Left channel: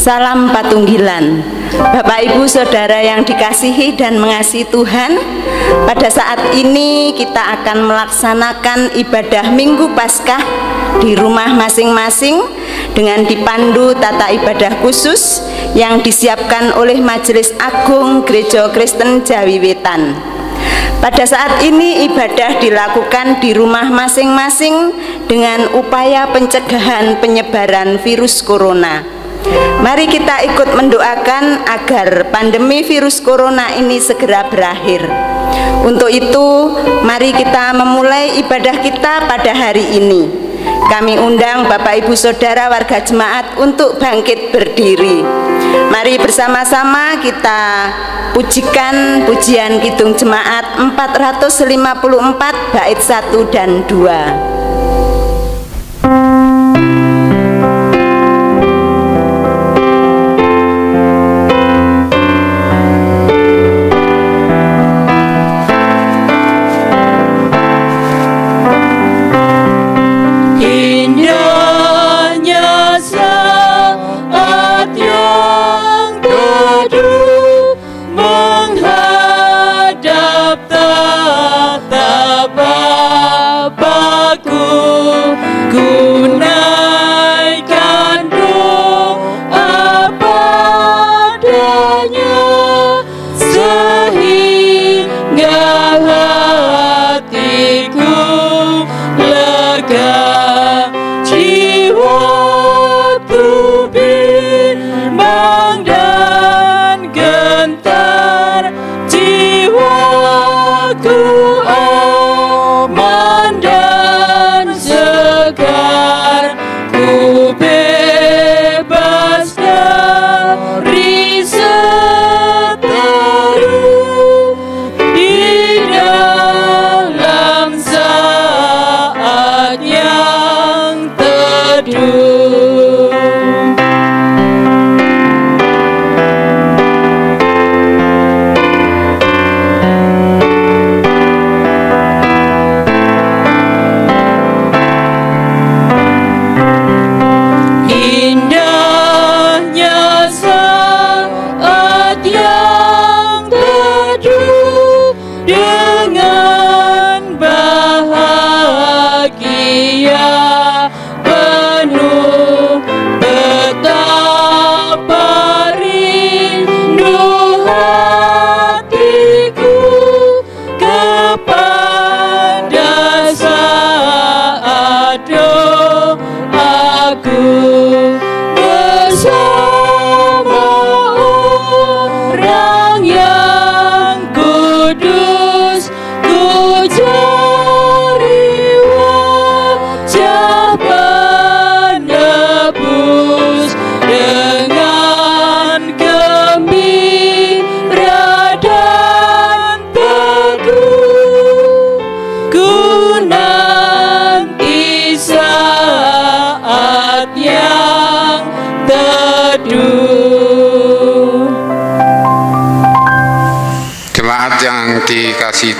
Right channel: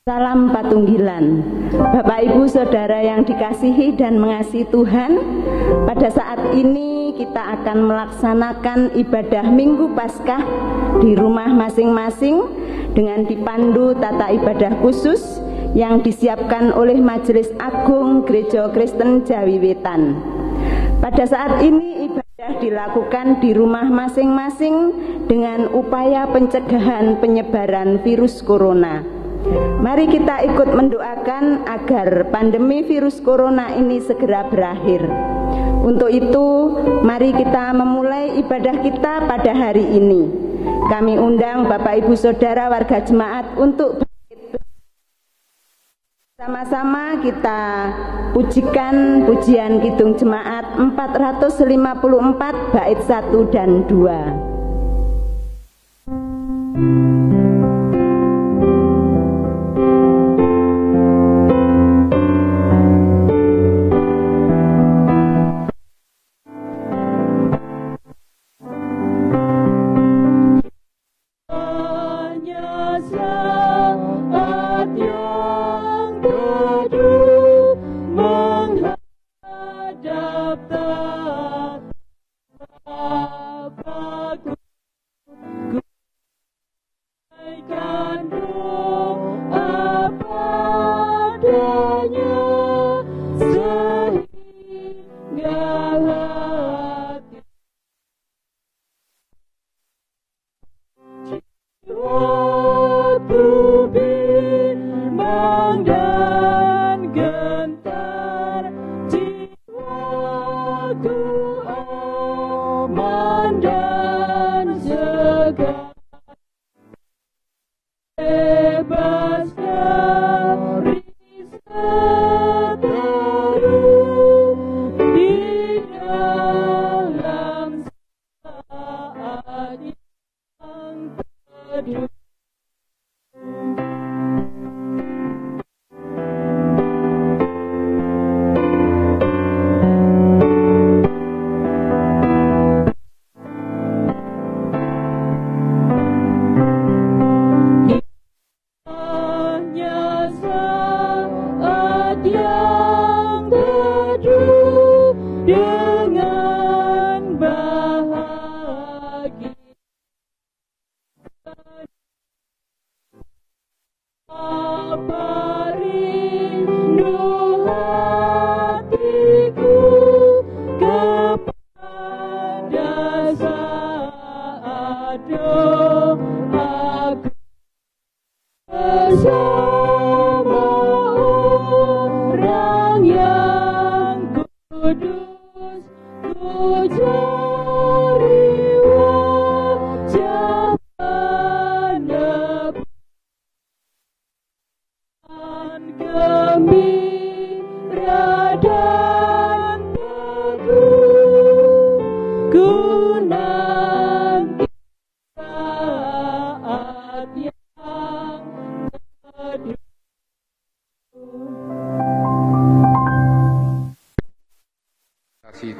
Salam Patunggilan. Bapak Ibu Saudara yang dikasihi dan mengasihi Tuhan, pada saat ini kita akan melaksanakan ibadah Minggu Paskah di rumah masing-masing dengan dipandu tata ibadah khusus yang disiapkan oleh Majelis Agung Gereja Kristen Jawi Wetan. Pada saat ini ibadah dilakukan di rumah masing-masing dengan upaya pencegahan penyebaran virus corona. Mari kita ikut mendoakan agar pandemi virus corona ini segera berakhir. Untuk itu, mari kita memulai ibadah kita pada hari ini. Kami undang Bapak Ibu Saudara warga jemaat untuk bangkit berdiri. Mari bersama-sama kita pujikan pujian Kidung Jemaat 454 bait 1 dan 2.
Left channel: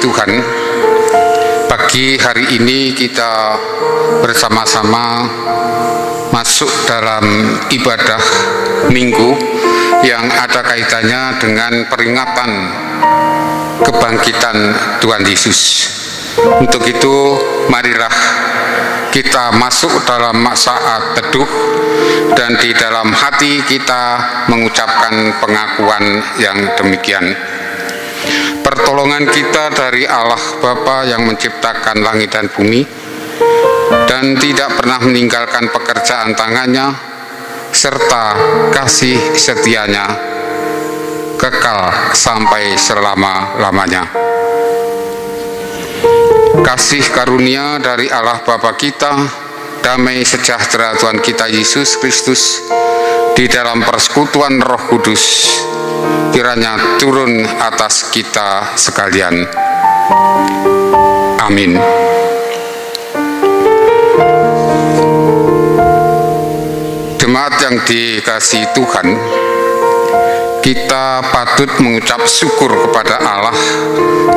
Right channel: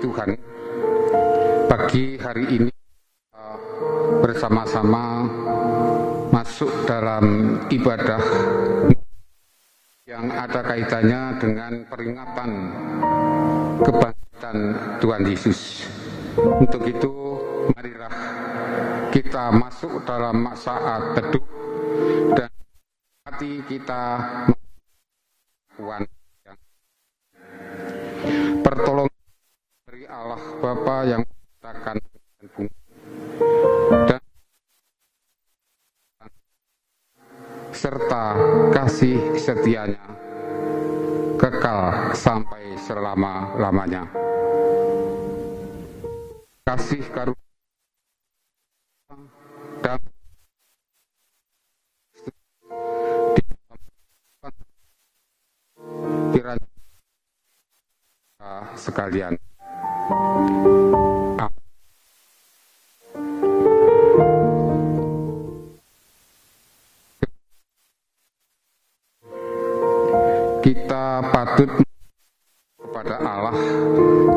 Tuhan, pagi hari ini kita bersama-sama masuk dalam ibadah Minggu yang ada kaitannya dengan peringatan kebangkitan Tuhan Yesus. Untuk itu, marilah kita masuk dalam saat teduh dan di dalam hati kita mengucapkan pengakuan yang demikian. Pertolongan kita dari Allah Bapa yang menciptakan langit dan bumi dan tidak pernah meninggalkan pekerjaan tangannya, serta kasih setianya kekal sampai selama-lamanya. Kasih karunia dari Allah Bapa kita, damai sejahtera Tuhan kita Yesus Kristus di dalam persekutuan Roh Kudus kiranya turun atas kita sekalian. Amin. Jemaat yang dikasihi Tuhan, kita patut mengucap syukur kepada Allah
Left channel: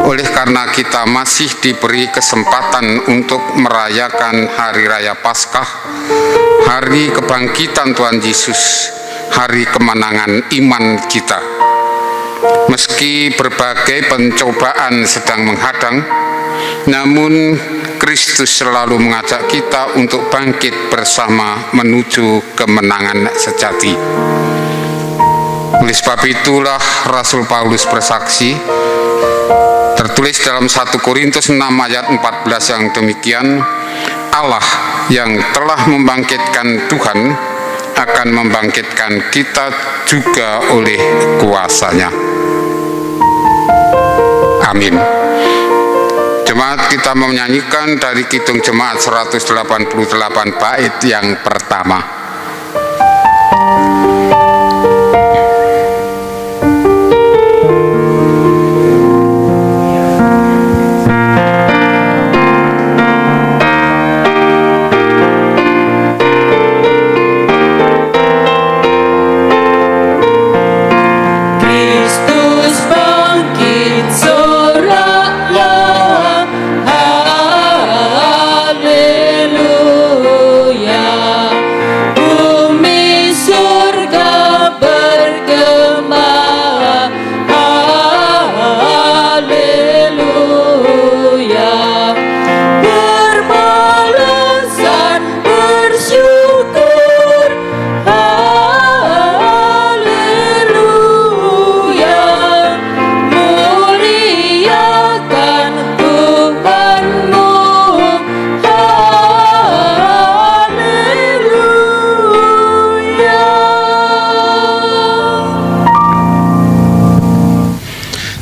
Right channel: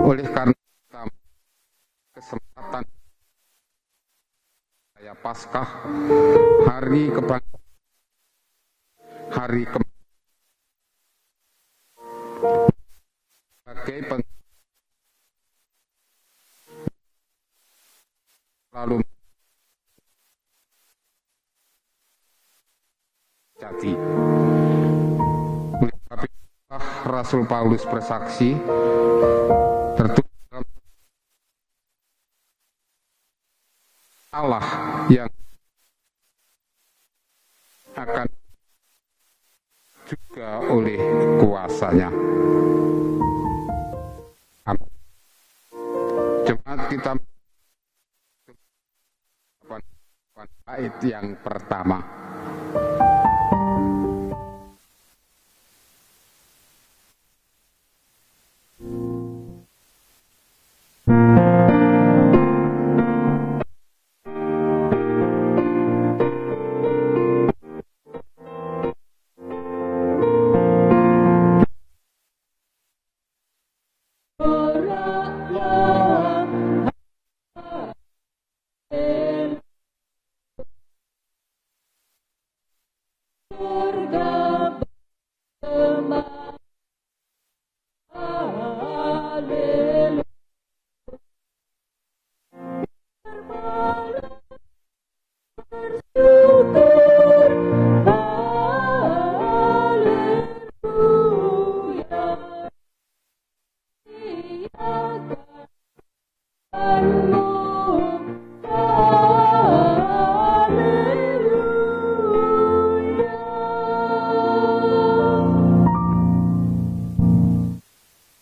oleh karena kita masih diberi kesempatan untuk merayakan Hari Raya Paskah, Hari Kebangkitan Tuhan Yesus, hari kemenangan iman kita. Meski berbagai pencobaan sedang menghadang, namun Kristus selalu mengajak kita untuk bangkit bersama menuju kemenangan sejati. Oleh sebab itulah Rasul Paulus bersaksi, tertulis dalam 1 Korintus 6 ayat 14 yang demikian, Allah yang telah membangkitkan Tuhan akan membangkitkan kita juga oleh kuasa-Nya. Amin. Jemaat, kita menyanyikan dari Kidung Jemaat 188 bait yang pertama.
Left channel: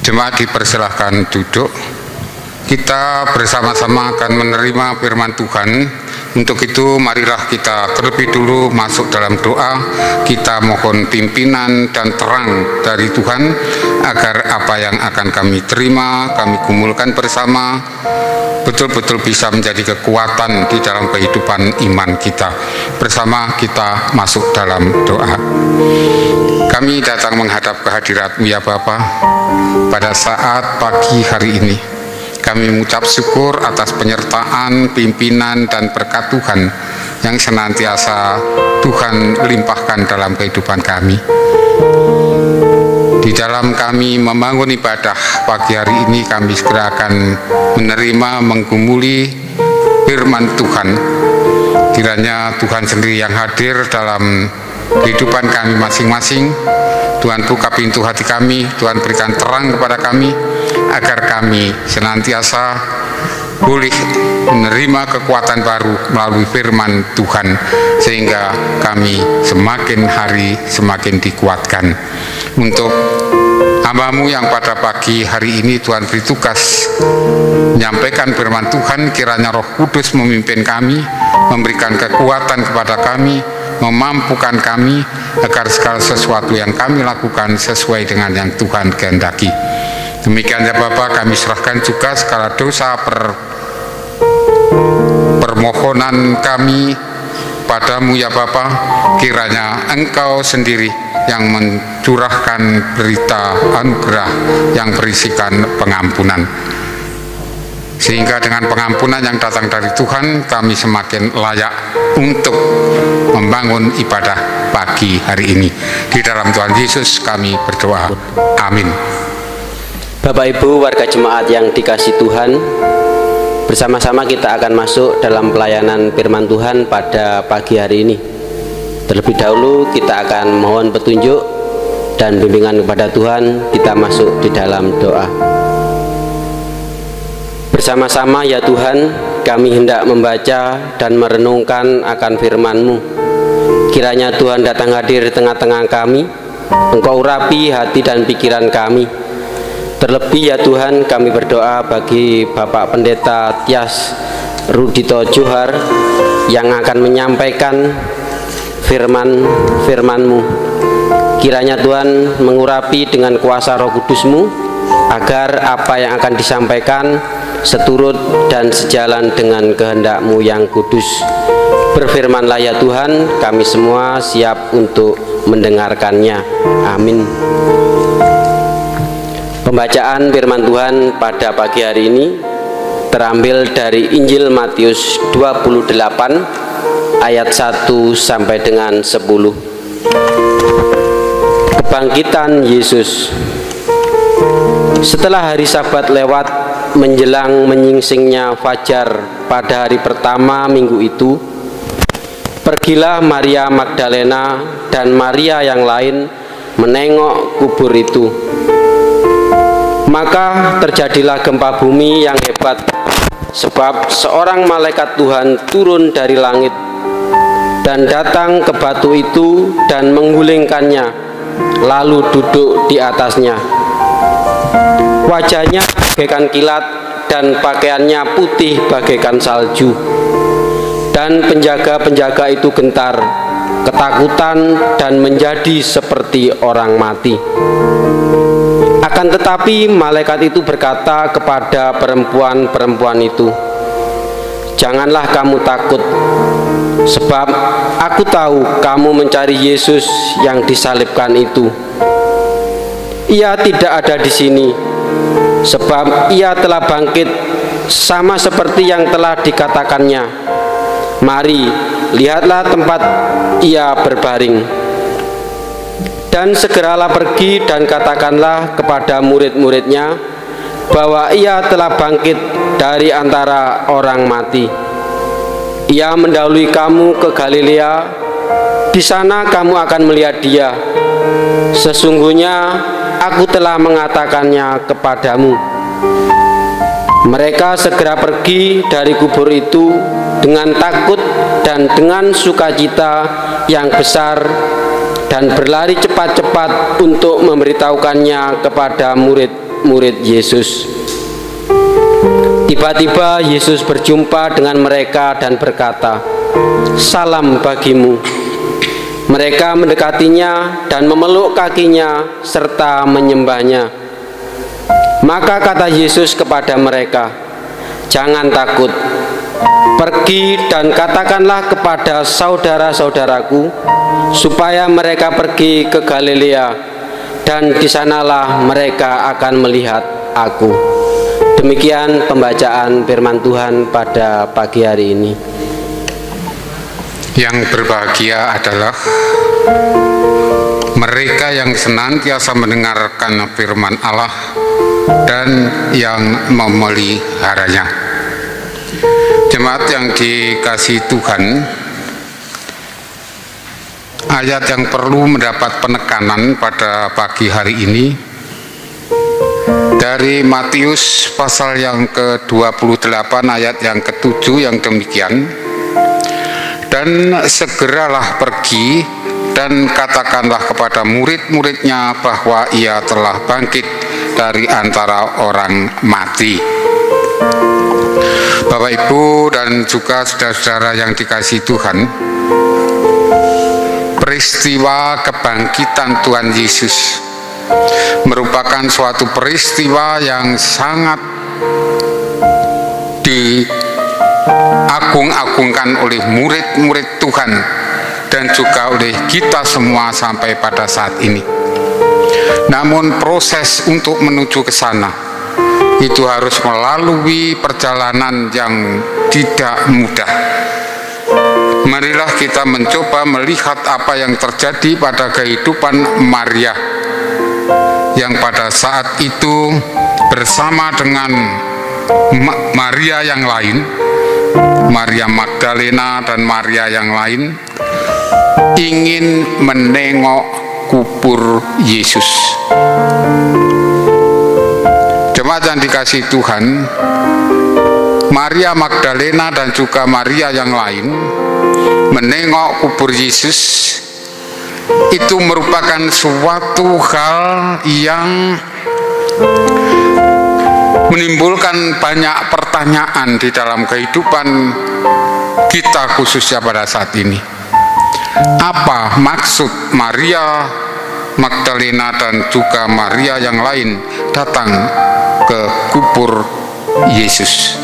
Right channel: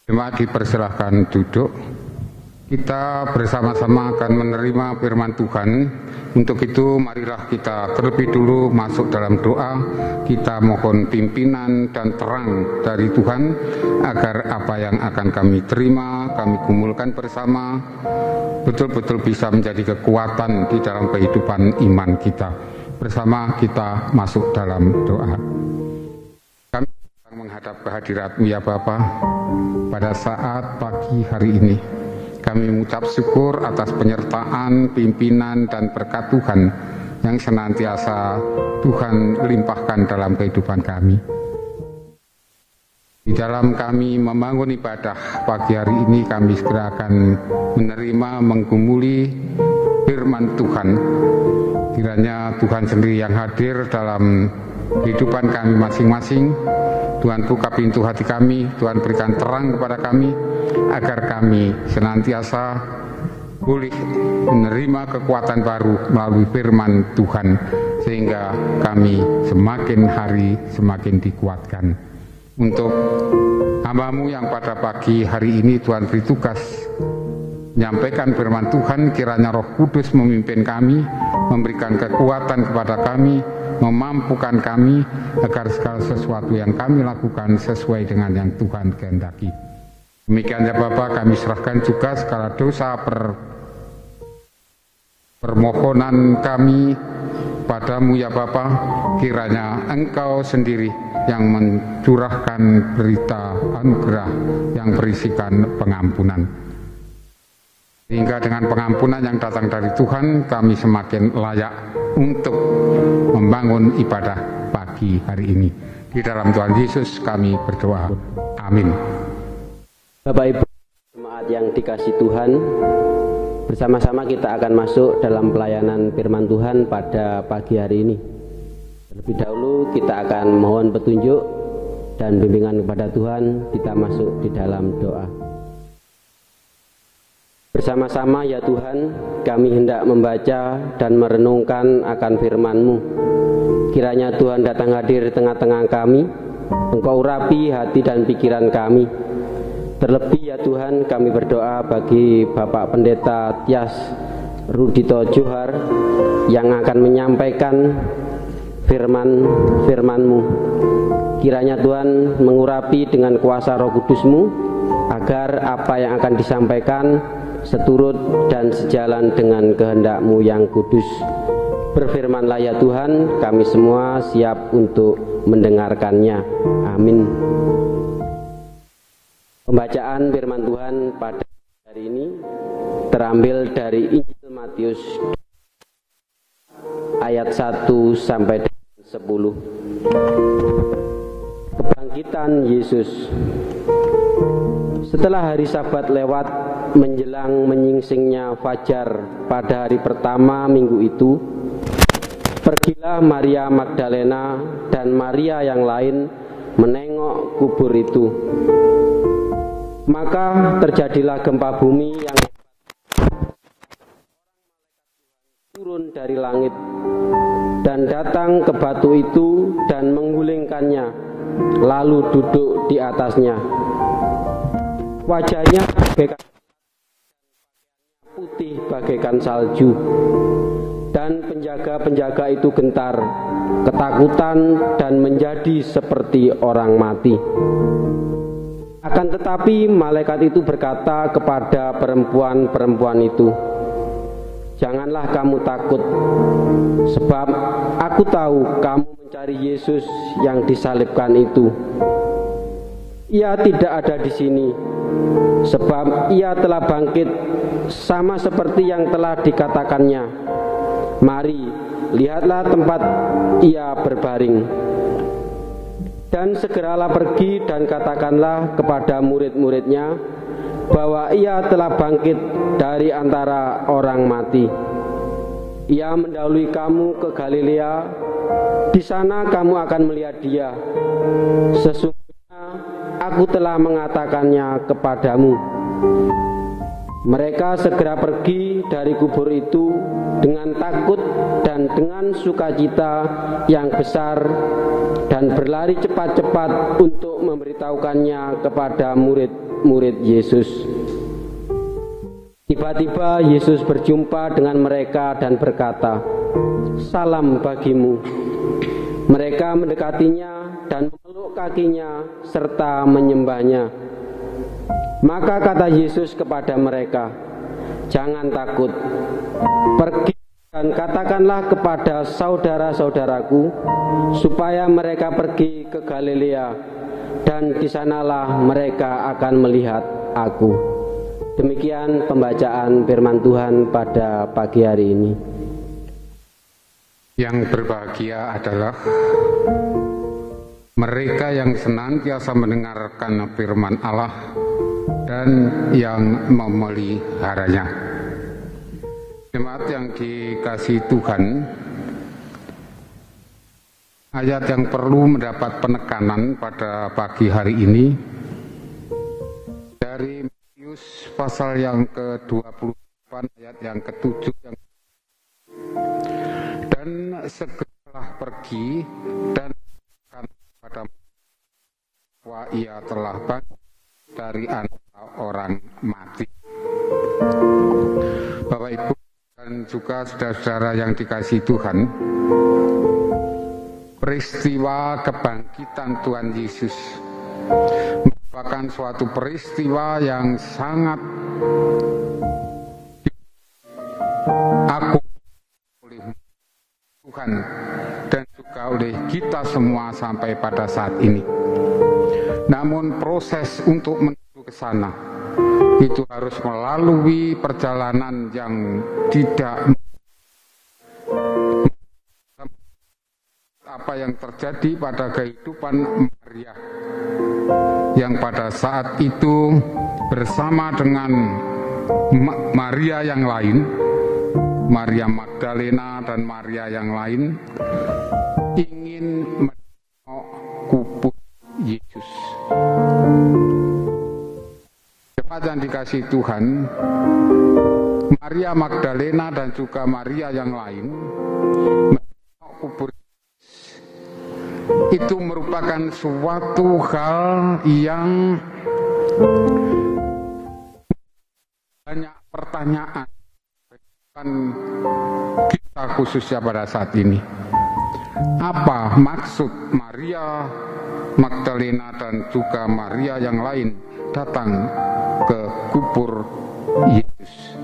Jemaat dipersilahkan duduk. Kita bersama-sama akan menerima firman Tuhan. Untuk itu marilah kita terlebih dulu masuk dalam doa. Kita mohon pimpinan dan terang dari Tuhan agar apa yang akan kami terima, kami gumulkan bersama, betul-betul bisa menjadi kekuatan di dalam kehidupan iman kita. Bersama kita masuk dalam doa. Kami datang menghadap kehadirat-Mu ya Bapa. Pada saat pagi hari ini, kami mengucap syukur atas penyertaan, pimpinan, dan berkat Tuhan yang senantiasa Tuhan limpahkan dalam kehidupan kami. Di dalam kami membangun ibadah pagi hari ini, kami segera akan menerima, menggumuli firman Tuhan. Kiranya Tuhan sendiri yang hadir dalam kehidupan kami masing-masing. Tuhan buka pintu hati kami, Tuhan berikan terang kepada kami, agar kami senantiasa boleh menerima kekuatan baru melalui firman Tuhan, sehingga kami semakin hari semakin dikuatkan. Untuk hamba-Mu yang pada pagi hari ini Tuhan beri tugas menyampaikan firman Tuhan, kiranya Roh Kudus memimpin kami, memberikan kekuatan kepada kami, memampukan kami agar segala sesuatu yang kami lakukan sesuai dengan yang Tuhan kehendaki. Demikian ya Bapak, kami serahkan juga segala dosa permohonan kami padamu ya Bapak. Kiranya Engkau sendiri yang mencurahkan berita anugerah yang berisikan pengampunan, sehingga dengan pengampunan yang datang dari Tuhan, kami semakin layak untuk membangun ibadah pagi hari ini. Di dalam Tuhan Yesus kami berdoa. Amin. Bapak Ibu warga jemaat yang dikasihi Tuhan, bersama-sama kita akan masuk dalam pelayanan firman Tuhan pada pagi hari ini. Terlebih dahulu kita akan mohon petunjuk dan bimbingan kepada Tuhan. Kita masuk di dalam doa. Bersama-sama ya Tuhan, kami hendak membaca dan merenungkan akan firman-Mu. Kiranya Tuhan datang hadir di tengah-tengah kami. Engkau urapi hati dan pikiran kami. Terlebih ya Tuhan, kami berdoa bagi Bapak Pendeta Tias Rudito Johar yang akan menyampaikan firman-Mu. Kiranya Tuhan mengurapi dengan kuasa Roh Kudus-Mu, agar apa yang akan disampaikan seturut dan sejalan dengan kehendak-Mu yang kudus. Berfirmanlah ya Tuhan, kami semua siap untuk mendengarkannya. Amin. Pembacaan firman Tuhan pada pagi hari ini terambil dari Injil Matius 28 ayat 1 sampai dengan 10. Kebangkitan Yesus. Setelah hari Sabat lewat, menjelang menyingsingnya fajar pada hari pertama minggu itu, pergilah Maria Magdalena dan Maria yang lain menengok kubur itu. Maka terjadilah gempa bumi yang hebat, sebab seorang malaikat Tuhan turun dari langit dan datang ke batu itu dan menggulingkannya, lalu duduk di atasnya. Wajahnya bagaikan kilat dan pakaiannya putih bagaikan salju. Dan penjaga-penjaga itu gentar, ketakutan dan menjadi seperti orang mati. Akan tetapi malaikat itu berkata kepada perempuan-perempuan itu, "Janganlah kamu takut, sebab aku tahu kamu mencari Yesus yang disalibkan itu. Ia tidak ada di sini, sebab ia telah bangkit sama seperti yang telah dikatakannya. Mari, lihatlah tempat ia berbaring. Dan segeralah pergi dan katakanlah kepada murid-muridnya bahwa ia telah bangkit dari antara orang mati. Ia mendahului kamu ke Galilea, di sana kamu akan melihat dia. Sesungguhnya aku telah mengatakannya kepadamu." Mereka segera pergi dari kubur itu dengan takut dan dengan sukacita yang besar, dan berlari cepat-cepat untuk memberitahukannya kepada murid-murid Yesus. Tiba-tiba Yesus berjumpa dengan mereka dan berkata, "Salam bagimu." Mereka mendekatinya dan memeluk kakinya serta menyembahnya. Maka kata Yesus kepada mereka, "Jangan takut. Pergi dan katakanlah kepada saudara-saudaraku supaya mereka pergi ke Galilea, dan di sanalah mereka akan melihat aku." Demikian pembacaan firman Tuhan pada pagi hari ini. Yang berbahagia adalah mereka yang senantiasa mendengarkan firman Allah dan yang memeliharanya. Jemaat yang dikasihi Tuhan, ayat yang perlu mendapat penekanan pada pagi hari ini dari Matius pasal yang ke-28 ayat yang ke-7 yang demikian, "Dan segeralah pergi dan katakanlah kepada murid-muridnya bahwa ia telah bangkit dari antara orang mati." Bapak, Ibu, dan juga saudara-saudara yang dikasihi Tuhan, peristiwa kebangkitan Tuhan Yesus merupakan suatu peristiwa yang sangat diagung-agungkan oleh murid-murid Tuhan dan juga oleh kita semua sampai pada saat ini. Namun proses untuk menuju ke sana itu harus melalui perjalanan yang tidak mudah. Marilah kita mencoba melihat apa yang terjadi pada kehidupan Maria, yang pada saat itu bersama dengan Maria yang lain, Maria Magdalena dan Maria yang lain, ingin menengok kubur Yesus. Jemaat yang dikasihi Tuhan, Maria Magdalena dan juga Maria yang lain menengok kubur Yesus itu merupakan suatu hal yang menimbulkan banyak pertanyaan di dalam kehidupan kita, khususnya pada saat ini. Apa maksud Maria Magdalena dan juga Maria yang lain datang ke kubur Yesus?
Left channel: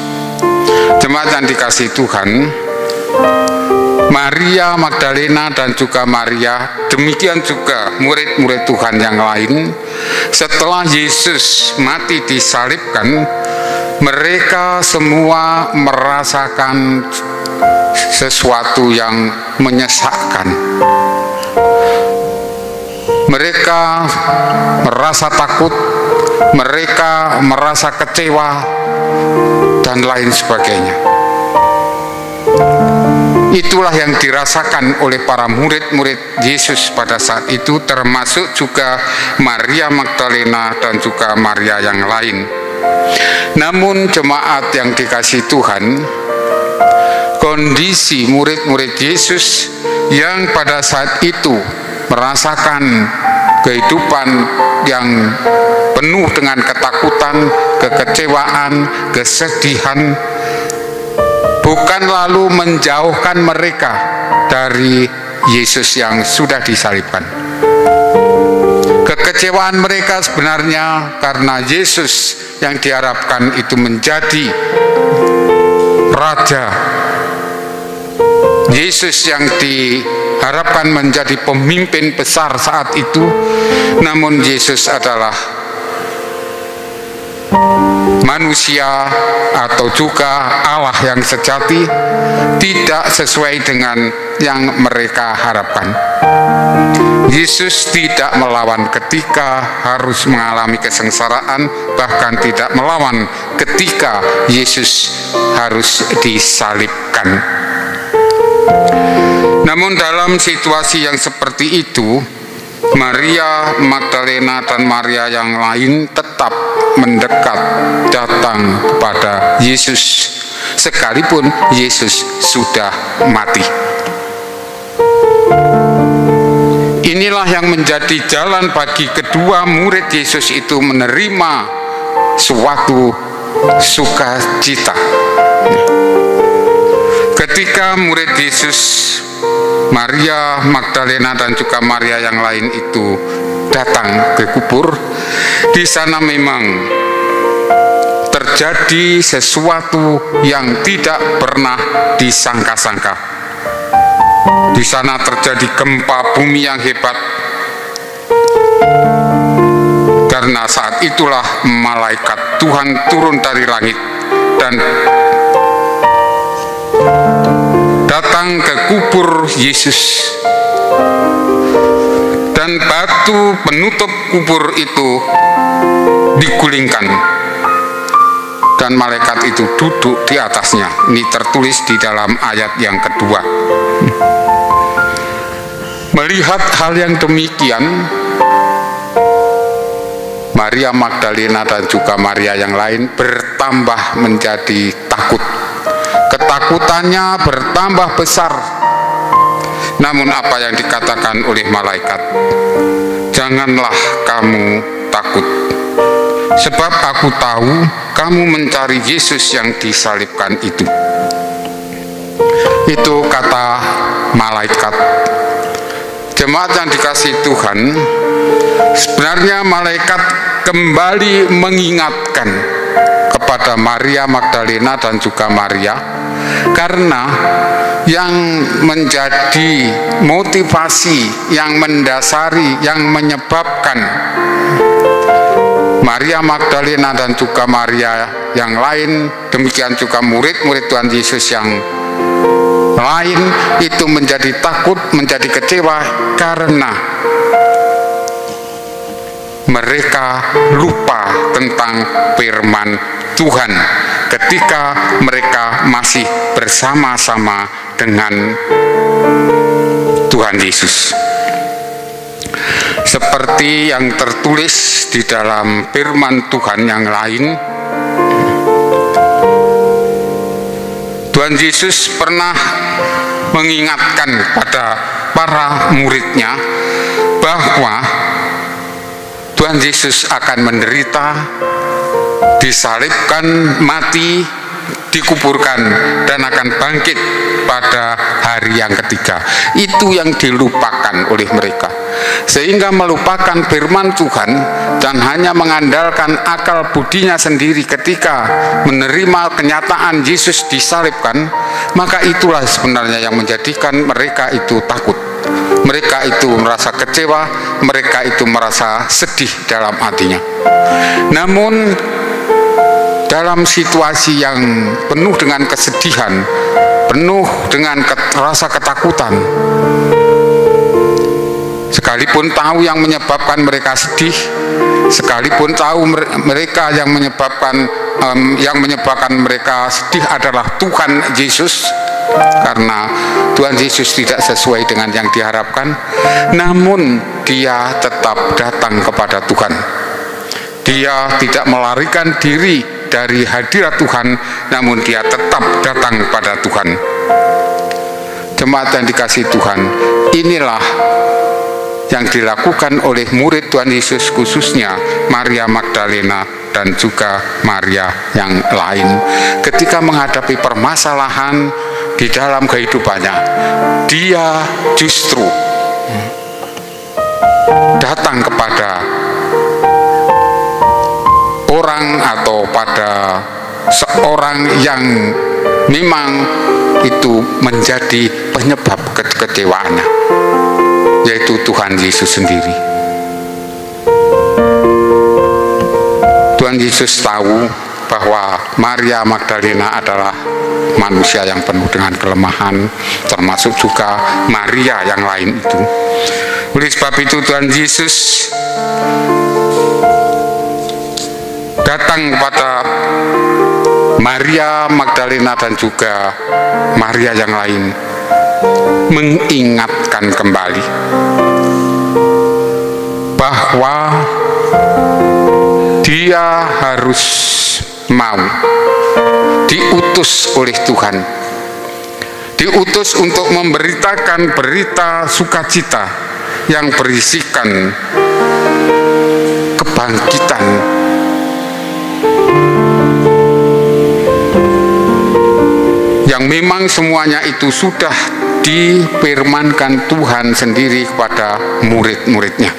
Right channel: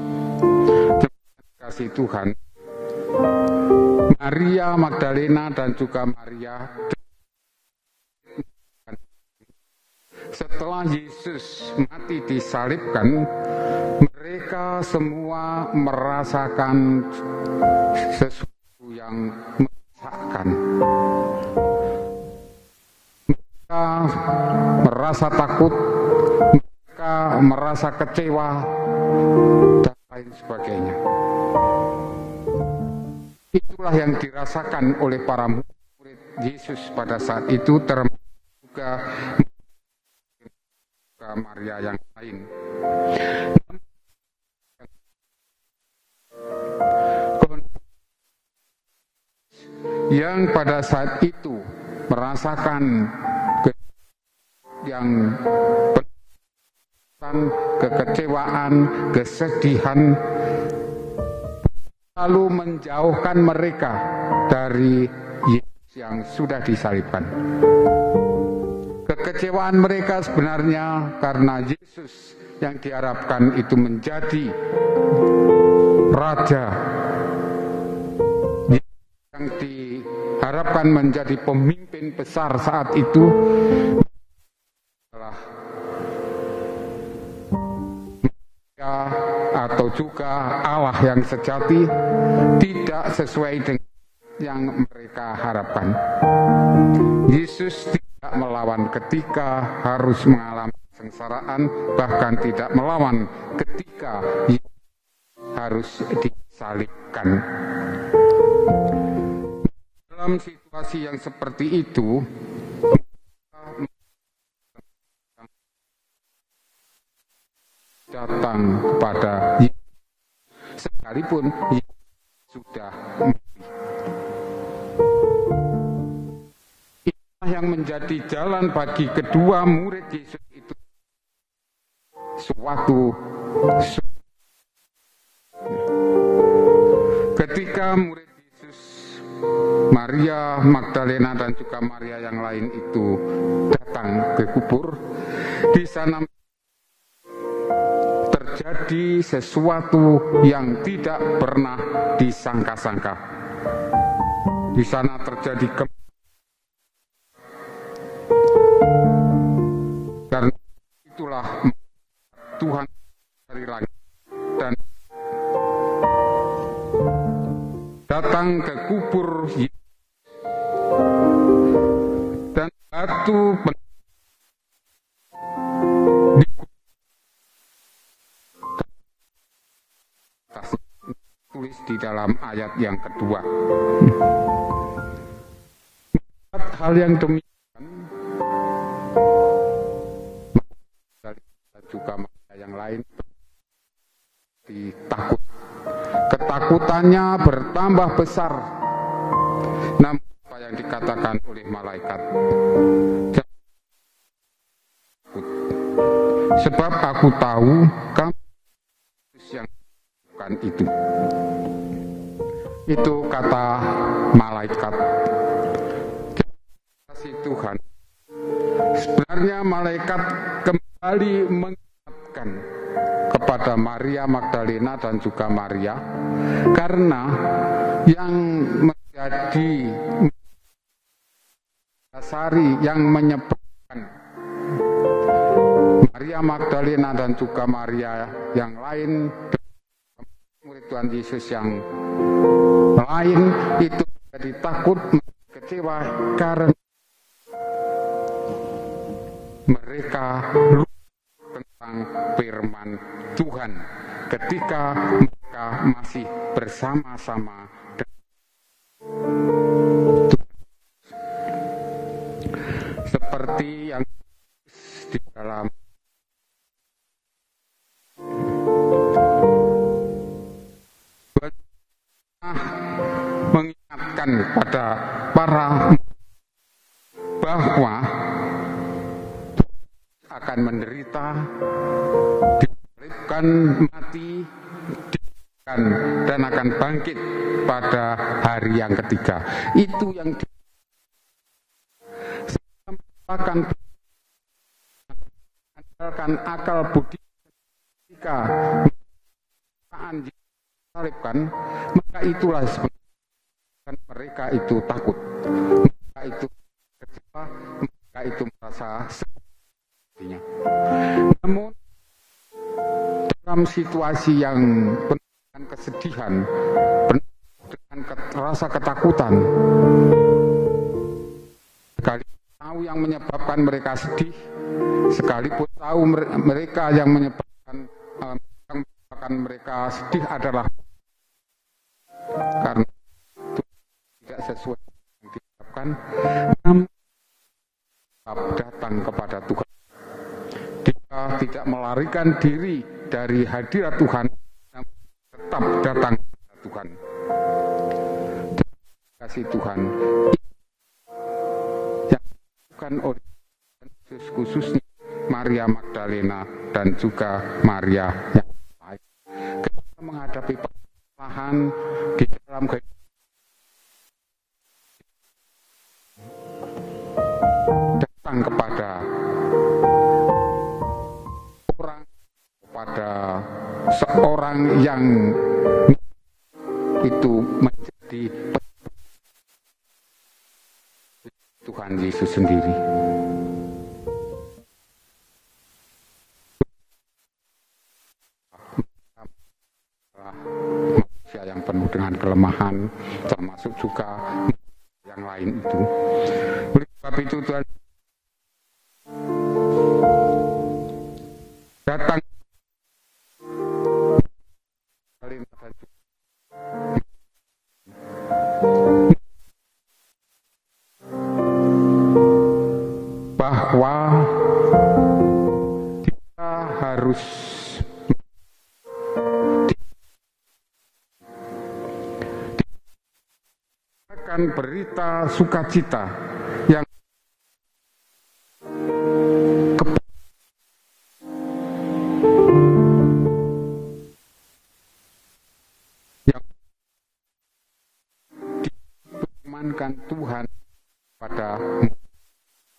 Jemaat yang dikasihi Tuhan, Maria Magdalena dan juga Maria, demikian juga murid-murid Tuhan yang lain, setelah Yesus mati disalibkan, mereka semua merasakan sesuatu yang menyesakkan. Mereka merasa takut, mereka merasa kecewa, dan lain sebagainya. Itulah yang dirasakan oleh para murid-murid Yesus pada saat itu, termasuk juga Maria Magdalena dan juga Maria yang lain. Namun jemaat yang dikasihi Tuhan, kondisi murid-murid Yesus yang pada saat itu merasakan kehidupan yang penuh dengan ketakutan, kekecewaan, kesedihan, bukan lalu menjauhkan mereka dari Yesus yang sudah disalibkan. Kekecewaan mereka sebenarnya karena Yesus yang diharapkan itu menjadi Raja, Yesus yang diharapkan menjadi pemimpin besar saat itu, namun Yesus adalah manusia atau juga Allah yang sejati, tidak sesuai dengan yang mereka harapkan. Yesus tidak melawan ketika harus mengalami kesengsaraan, bahkan tidak melawan ketika Yesus harus disalibkan. Namun dalam situasi yang seperti itu, Maria Magdalena dan Maria yang lain tetap mendekat datang kepada Yesus, sekalipun Yesus sudah mati. Inilah yang menjadi jalan bagi kedua murid Yesus itu menerima suatu sukacita. Ketika murid Yesus, Maria Magdalena dan juga Maria yang lain itu datang ke kubur, di sana memang terjadi sesuatu yang tidak pernah disangka-sangka. Di sana terjadi gempa bumi yang hebat, karena saat itulah malaikat Tuhan turun dari langit dan datang ke kubur Yesus, dan batu penutup kubur itu digulingkan dan malaikat itu duduk di atasnya. Ini tertulis di dalam ayat yang kedua. Melihat hal yang demikian, Maria Magdalena dan juga Maria yang lain bertambah menjadi takut. Ketakutannya bertambah besar. Namun apa yang dikatakan oleh malaikat? Janganlah kamu takut, sebab aku tahu kamu mencari Yesus yang disalibkan itu. Itu kata malaikat. Jemaat yang dikasihi Tuhan, sebenarnya malaikat kembali mengingatkan kepada Maria Magdalena dan juga Maria, karena yang menjadi motivasi, yang mendasari, yang menyebabkan Maria Magdalena dan juga Maria yang lain, demikian juga murid-murid Tuhan Yesus yang lain itu menjadi takut, menjadi kecewa, karena mereka lupa tentang firman Tuhan ketika mereka masih bersama-sama dengan Tuhan Yesus. Seperti yang tertulis di dalam firman Tuhan yang lain, Tuhan Yesus pernah mengingatkan pada para muridnya bahwa Tuhan Yesus akan menderita, disalibkan, mati, dikuburkan, dan akan bangkit pada hari yang ketiga. Itu yang dilupakan oleh mereka, sehingga melupakan firman Tuhan dan hanya mengandalkan akal budinya sendiri ketika menerima kenyataan Yesus disalibkan. Maka itulah sebenarnya yang menjadikan mereka itu takut, mereka itu merasa kecewa, mereka itu merasa sedih dalam hatinya. Namun dalam situasi yang penuh dengan kesedihan, penuh dengan rasa ketakutan, sekali sekalipun tahu yang menyebabkan mereka sedih, sekalipun tahu mereka yang menyebabkan mereka sedih adalah Tuhan Yesus, karena Tuhan Yesus tidak sesuai dengan yang diharapkan, namun dia tetap datang kepada Tuhan. Dia tidak melarikan diri dari hadirat Tuhan, namun dia tetap datang pada Tuhan. Jemaat yang dikasihi Tuhan, inilah yang dilakukan oleh murid Tuhan Yesus, khususnya Maria Magdalena dan juga Maria yang lain. Ketika menghadapi permasalahan di dalam kehidupannya, dia justru datang kepada orang atau pada seorang yang memang itu menjadi penyebab kekecewaannya, yaitu Tuhan Yesus sendiri. Tuhan Yesus tahu bahwa Maria Magdalena adalah manusia yang penuh dengan kelemahan, termasuk juga Maria yang lain itu. Oleh sebab itu Tuhan Yesus datang kepada Maria Magdalena dan juga Maria yang lain, mengingatkan kembali bahwa dia harus mau diutus oleh Tuhan, diutus untuk memberitakan berita sukacita yang berisikan kebangkitan, yang memang semuanya itu sudah difirmankan Tuhan sendiri kepada murid-muridnya.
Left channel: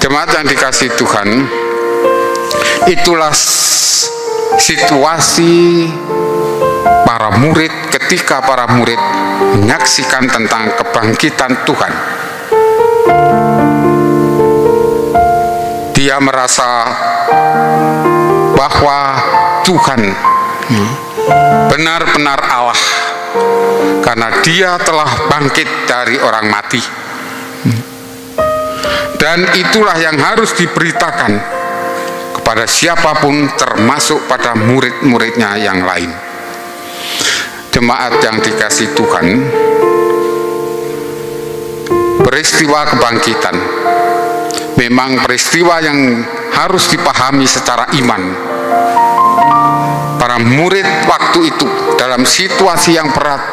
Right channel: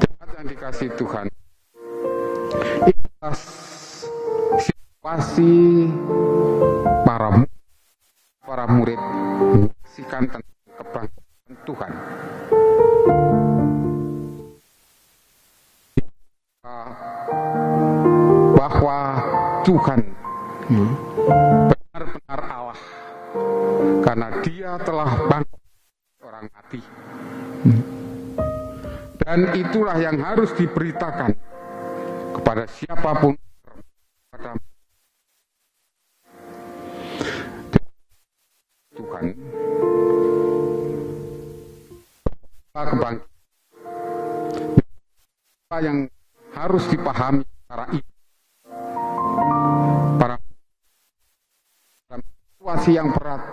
Jemaat yang dikasihi Tuhan, itulah situasi para murid ketika para murid menyaksikan tentang kebangkitan Tuhan. Dia merasa bahwa Tuhan benar-benar Allah, karena dia telah bangkit dari orang mati. Dan itulah yang harus diberitakan kepada siapapun, termasuk pada murid-muridnya yang lain. Jemaat yang dikasihi Tuhan, peristiwa kebangkitan memang peristiwa yang harus dipahami secara iman. Para murid waktu itu dalam situasi yang berat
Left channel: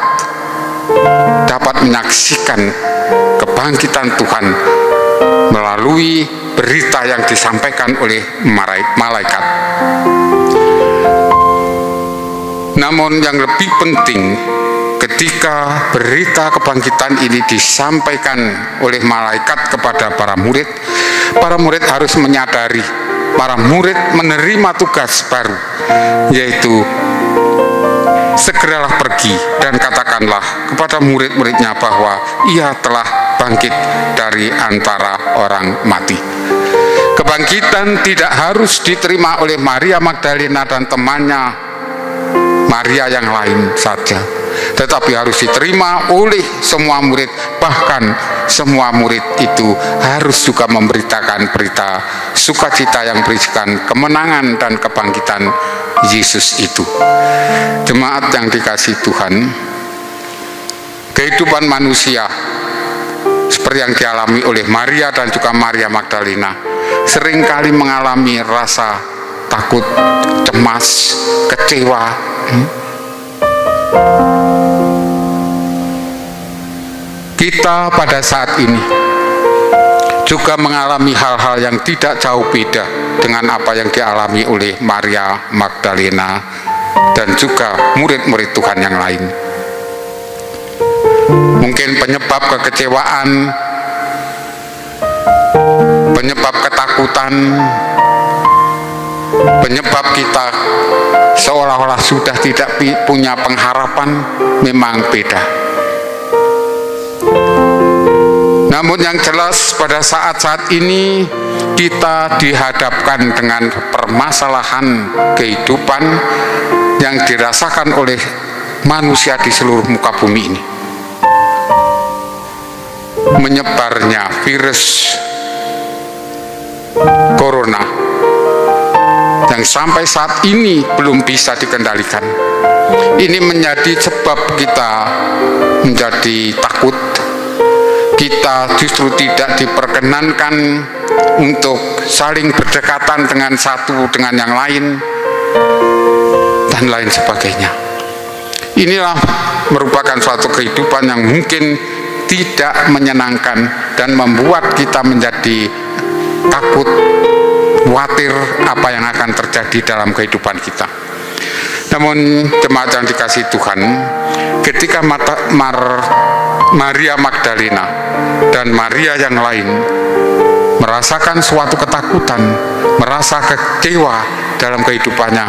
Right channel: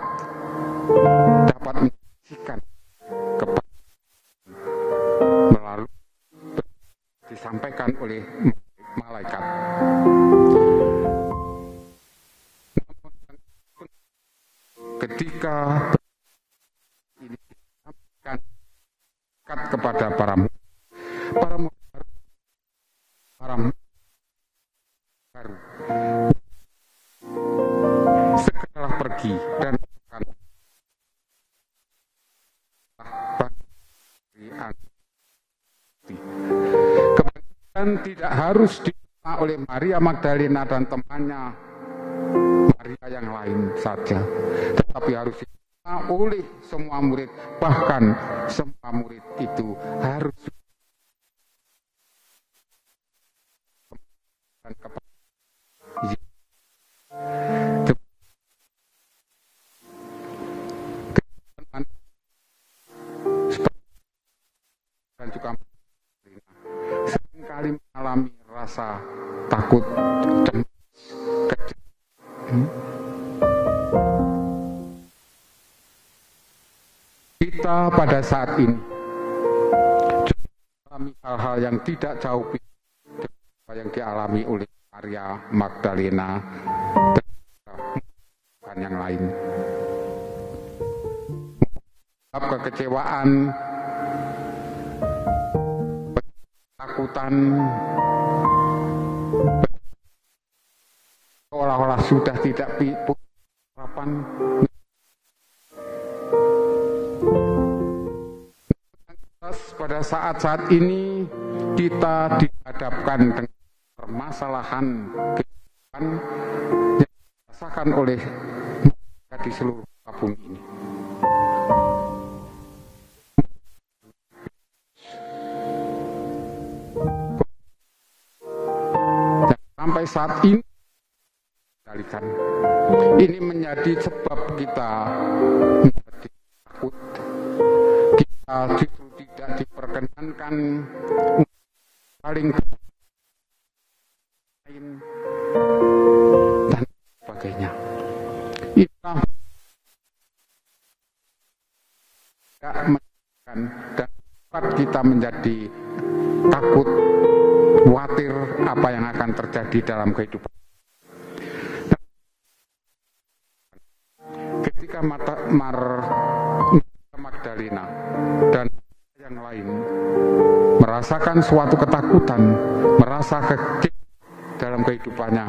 dapat menyaksikan kebangkitan Tuhan melalui berita yang disampaikan oleh malaikat. Namun yang lebih penting, ketika berita kebangkitan ini disampaikan oleh malaikat kepada para murid harus menyadari, para murid menerima tugas baru, yaitu segeralah pergi dan katakanlah kepada murid-muridnya bahwa ia telah bangkit dari antara orang mati. Kebangkitan tidak harus diterima oleh Maria Magdalena dan temannya Maria yang lain saja, tetapi harus diterima oleh semua murid. Bahkan semua murid itu harus juga memberitakan berita sukacita yang berisikan kemenangan dan kebangkitan Yesus itu. Jemaat yang dikasihi Tuhan, kehidupan manusia seperti yang dialami oleh Maria dan juga Maria Magdalena seringkali mengalami rasa takut, cemas, kecewa. Kita pada saat ini juga mengalami hal-hal yang tidak jauh beda dengan apa yang dialami oleh Maria Magdalena dan juga murid-murid Tuhan yang lain. Mungkin penyebab kekecewaan, penyebab ketakutan, penyebab kita seolah-olah sudah tidak punya pengharapan memang beda. Namun yang jelas pada saat-saat ini kita dihadapkan dengan permasalahan kehidupan yang dirasakan oleh manusia di seluruh muka bumi ini. menyebarnya virus corona yang sampai saat ini belum bisa dikendalikan. Ini menjadi sebab kita menjadi takut. Kita justru tidak diperkenankan untuk saling berdekatan dengan satu dengan yang lain dan lain sebagainya. Inilah merupakan suatu kehidupan yang mungkin tidak menyenangkan dan membuat kita menjadi takut, khawatir apa yang akan terjadi dalam kehidupan kita. Namun jemaat yang dikasihi Tuhan, ketika Maria Magdalena dan Maria yang lain merasakan suatu ketakutan, merasa kecewa dalam kehidupannya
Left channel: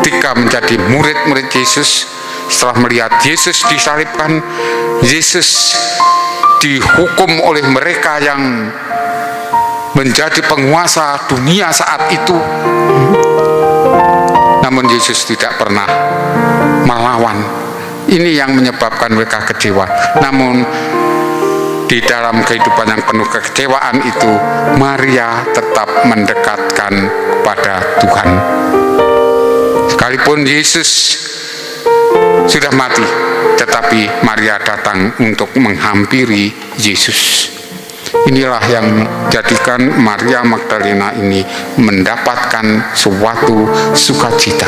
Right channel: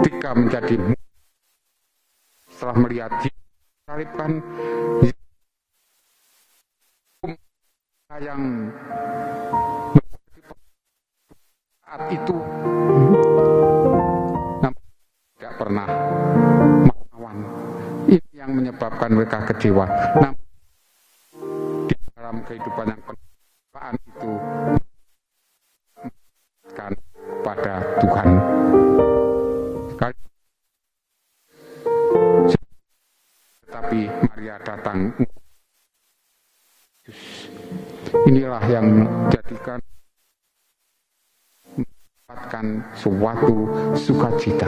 ketika menjadi murid-murid Yesus, setelah melihat Yesus disalibkan, Yesus dihukum oleh mereka yang menjadi penguasa dunia saat itu, namun Yesus tidak pernah melawan. Ini yang menyebabkan mereka kecewa. Namun di dalam kehidupan yang penuh kekecewaan itu, Maria tetap mendekatkan kepada Tuhan. Sekalipun Yesus sudah mati, tetapi Maria datang untuk menghampiri Yesus. Inilah yang menjadikan Maria Magdalena ini mendapatkan suatu sukacita.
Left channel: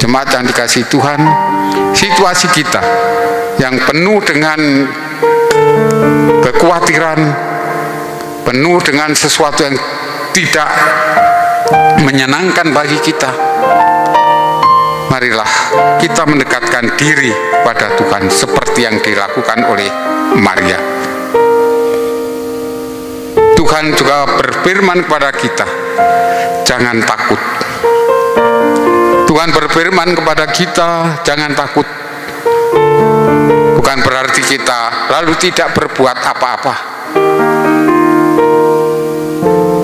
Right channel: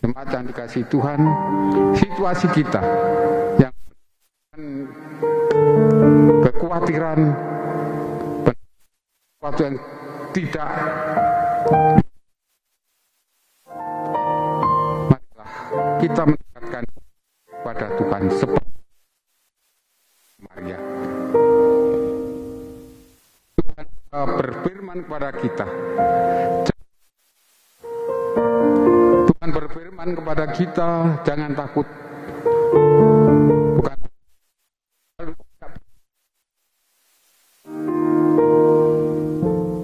Jemaat yang dikasihi Tuhan, situasi kita yang penuh dengan kekhawatiran, penuh dengan sesuatu yang tidak menyenangkan bagi kita, marilah kita mendekatkan diri pada Tuhan seperti yang dilakukan oleh Maria. Tuhan juga berfirman kepada kita, jangan takut. Tuhan berfirman kepada kita, jangan takut. Bukan berarti kita lalu tidak berbuat apa-apa.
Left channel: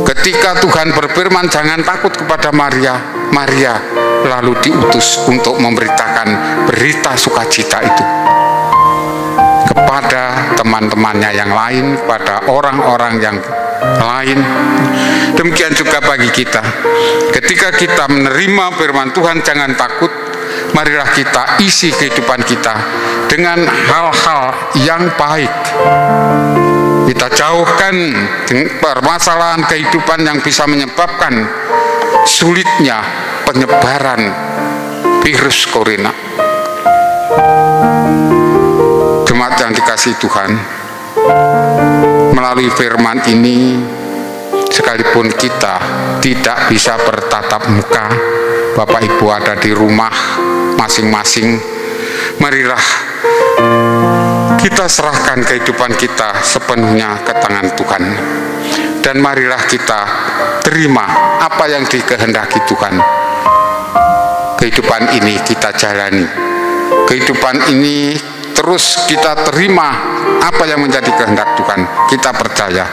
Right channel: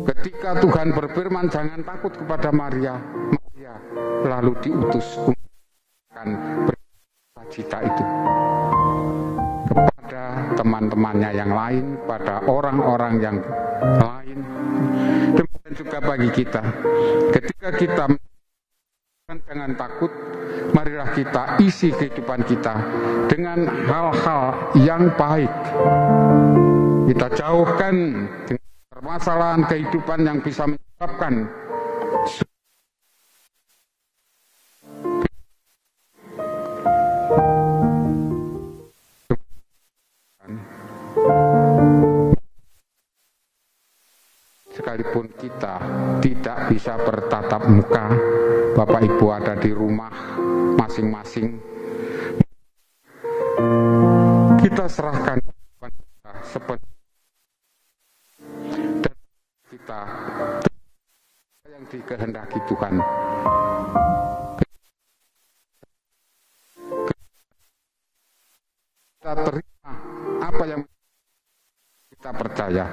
Ketika Tuhan berfirman jangan takut kepada Maria, Maria lalu diutus untuk memberitakan berita sukacita itu kepada teman-temannya yang lain, kepada orang-orang yang lain. Demikian juga bagi kita, ketika kita menerima firman Tuhan jangan takut, marilah kita isi kehidupan kita dengan hal-hal yang baik. Kita jauhkan permasalahan kehidupan yang bisa menyebabkan sulitnya penyebaran virus corona. Jemaat yang dikasihi Tuhan, melalui firman ini, sekalipun kita tidak bisa bertatap muka, Bapak Ibu ada di rumah masing-masing, marilah kita serahkan kehidupan kita sepenuhnya ke tangan Tuhan. Dan marilah kita terima apa yang dikehendaki Tuhan. Kehidupan ini kita jalani. Kehidupan ini terus kita terima apa yang menjadi kehendak Tuhan. Kita percaya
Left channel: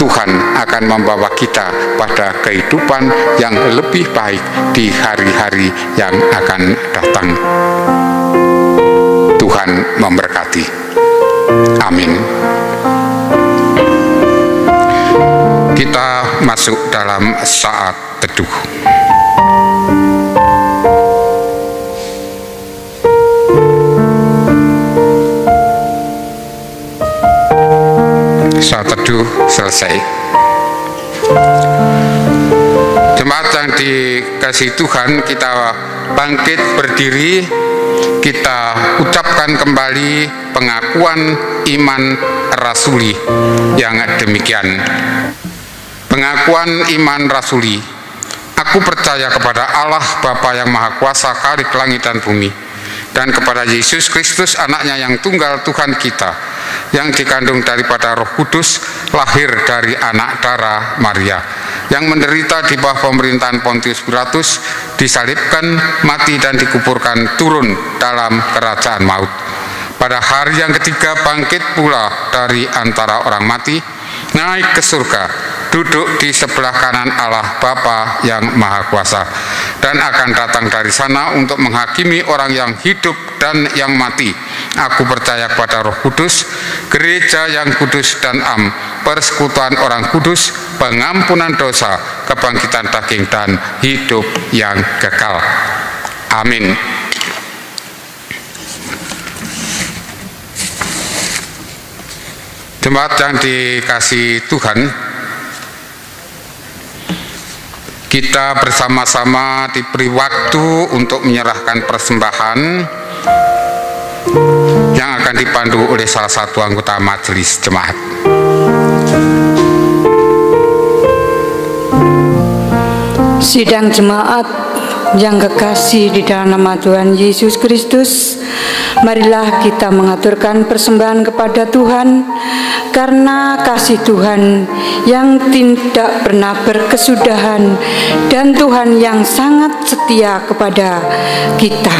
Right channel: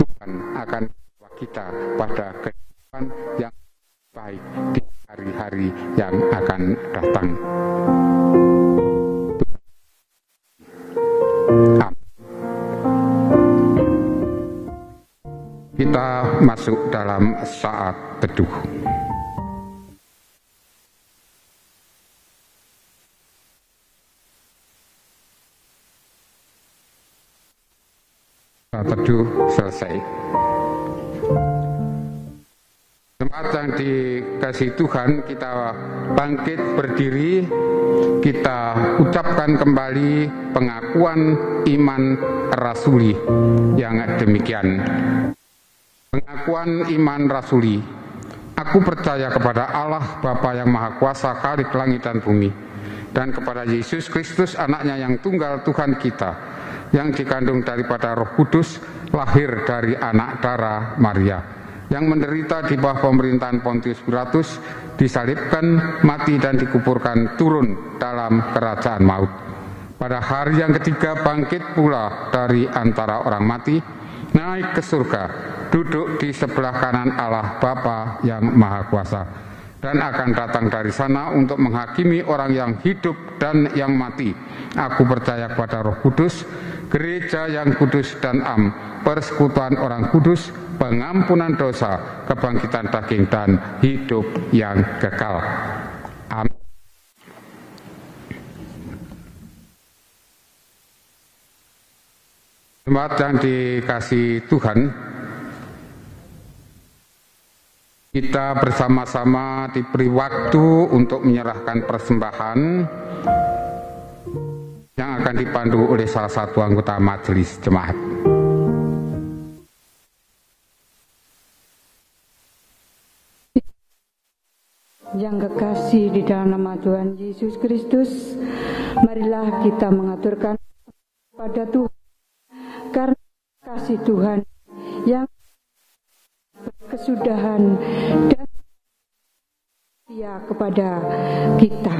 Tuhan akan membawa kita pada kehidupan yang lebih baik di hari-hari yang akan datang. Tuhan memberkati. Amin. Kita masuk dalam saat teduh. Saat teduh selesai. Jemaat yang dikasihi Tuhan, kita bangkit berdiri, kita ucapkan kembali pengakuan iman rasuli yang demikian. Pengakuan iman rasuli. Aku percaya kepada Allah Bapa yang Maha Kuasa, Khalik langit dan bumi, dan kepada Yesus Kristus anaknya yang tunggal Tuhan kita, yang dikandung daripada Roh Kudus, lahir dari anak darah Maria, yang menderita di bawah pemerintahan Pontius Pilatus, disalibkan, mati dan dikuburkan, turun dalam kerajaan maut. Pada hari yang ketiga bangkit pula dari antara orang mati, naik ke surga, duduk di sebelah kanan Allah Bapa yang Maha Kuasa, dan akan datang dari sana untuk menghakimi orang yang hidup dan yang mati. Aku percaya kepada Roh Kudus, gereja yang kudus dan am, persekutuan orang kudus, pengampunan dosa, kebangkitan daging dan hidup yang kekal. Amin. Jemaat yang dikasihi Tuhan, kita bersama-sama diberi waktu untuk menyerahkan persembahan yang akan dipandu oleh salah satu anggota majelis jemaat. Sidang jemaat yang kekasih di dalam nama Tuhan Yesus Kristus, marilah kita mengaturkan persembahan kepada Tuhan, karena kasih Tuhan yang tidak pernah berkesudahan dan Tuhan yang sangat setia kepada kita.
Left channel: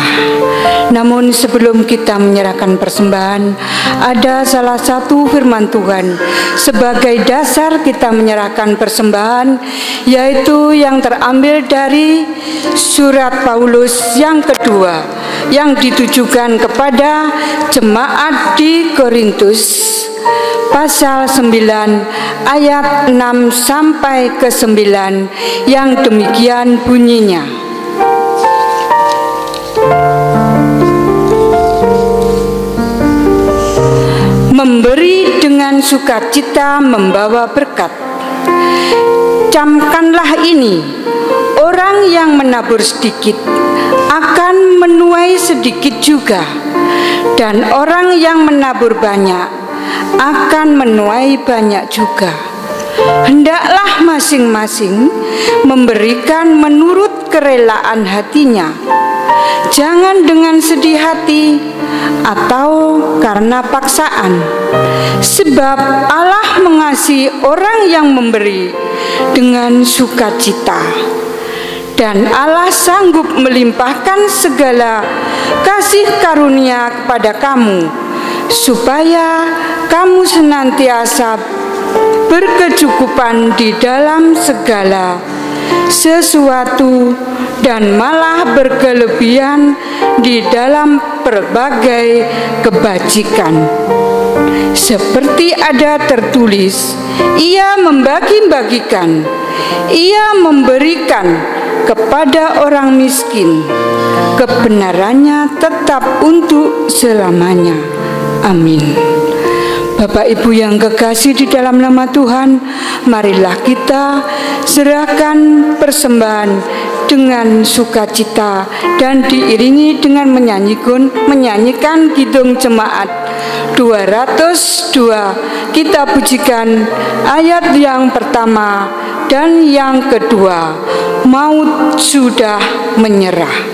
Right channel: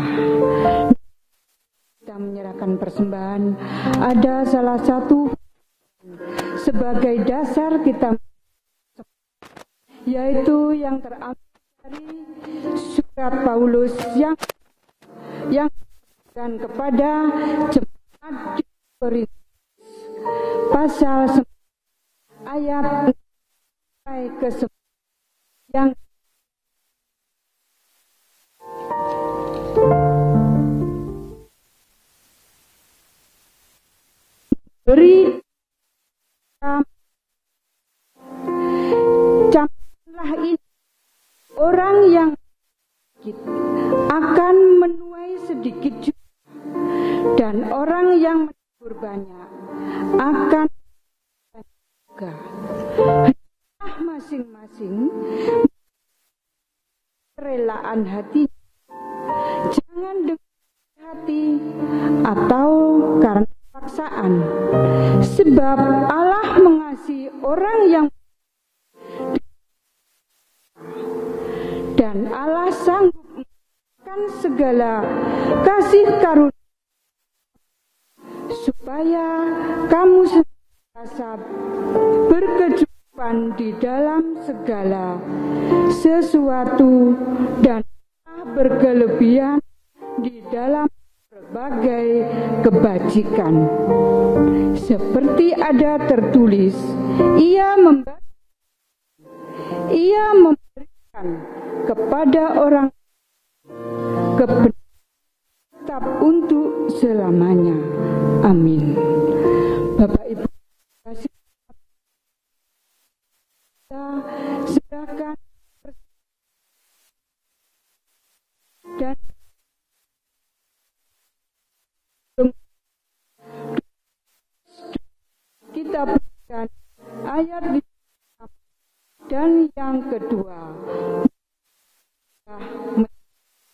Namun sebelum kita menyerahkan persembahan, ada salah satu firman Tuhan sebagai dasar kita menyerahkan persembahan, yaitu yang terambil dari surat Paulus yang kedua yang ditujukan kepada jemaat di Korintus, pasal 9 ayat 6 sampai ke 9, yang demikian bunyinya. Memberi dengan sukacita membawa berkat. Camkanlah ini, orang yang menabur sedikit akan menuai sedikit juga, dan orang yang menabur banyak akan menuai banyak juga. Hendaklah masing-masing memberikan menurut kerelaan hatinya, jangan dengan sedih hati atau karena paksaan, sebab Allah mengasihi orang yang memberi dengan sukacita. Dan Allah sanggup melimpahkan segala kasih karunia kepada kamu, supaya kamu senantiasa berkecukupan di dalam segala sesuatu dan malah berkelebihan di dalam berbagai kebajikan. Seperti ada tertulis, Ia membagi-bagikan, Ia memberikan kepada orang miskin, kebenarannya tetap untuk selamanya. Amin. Bapak Ibu yang kekasih di dalam nama Tuhan, marilah kita serahkan persembahan dengan sukacita dan diiringi dengan menyanyikan kidung jemaat 202. Kita pujikan ayat yang pertama dan yang kedua, maut sudah menyerah.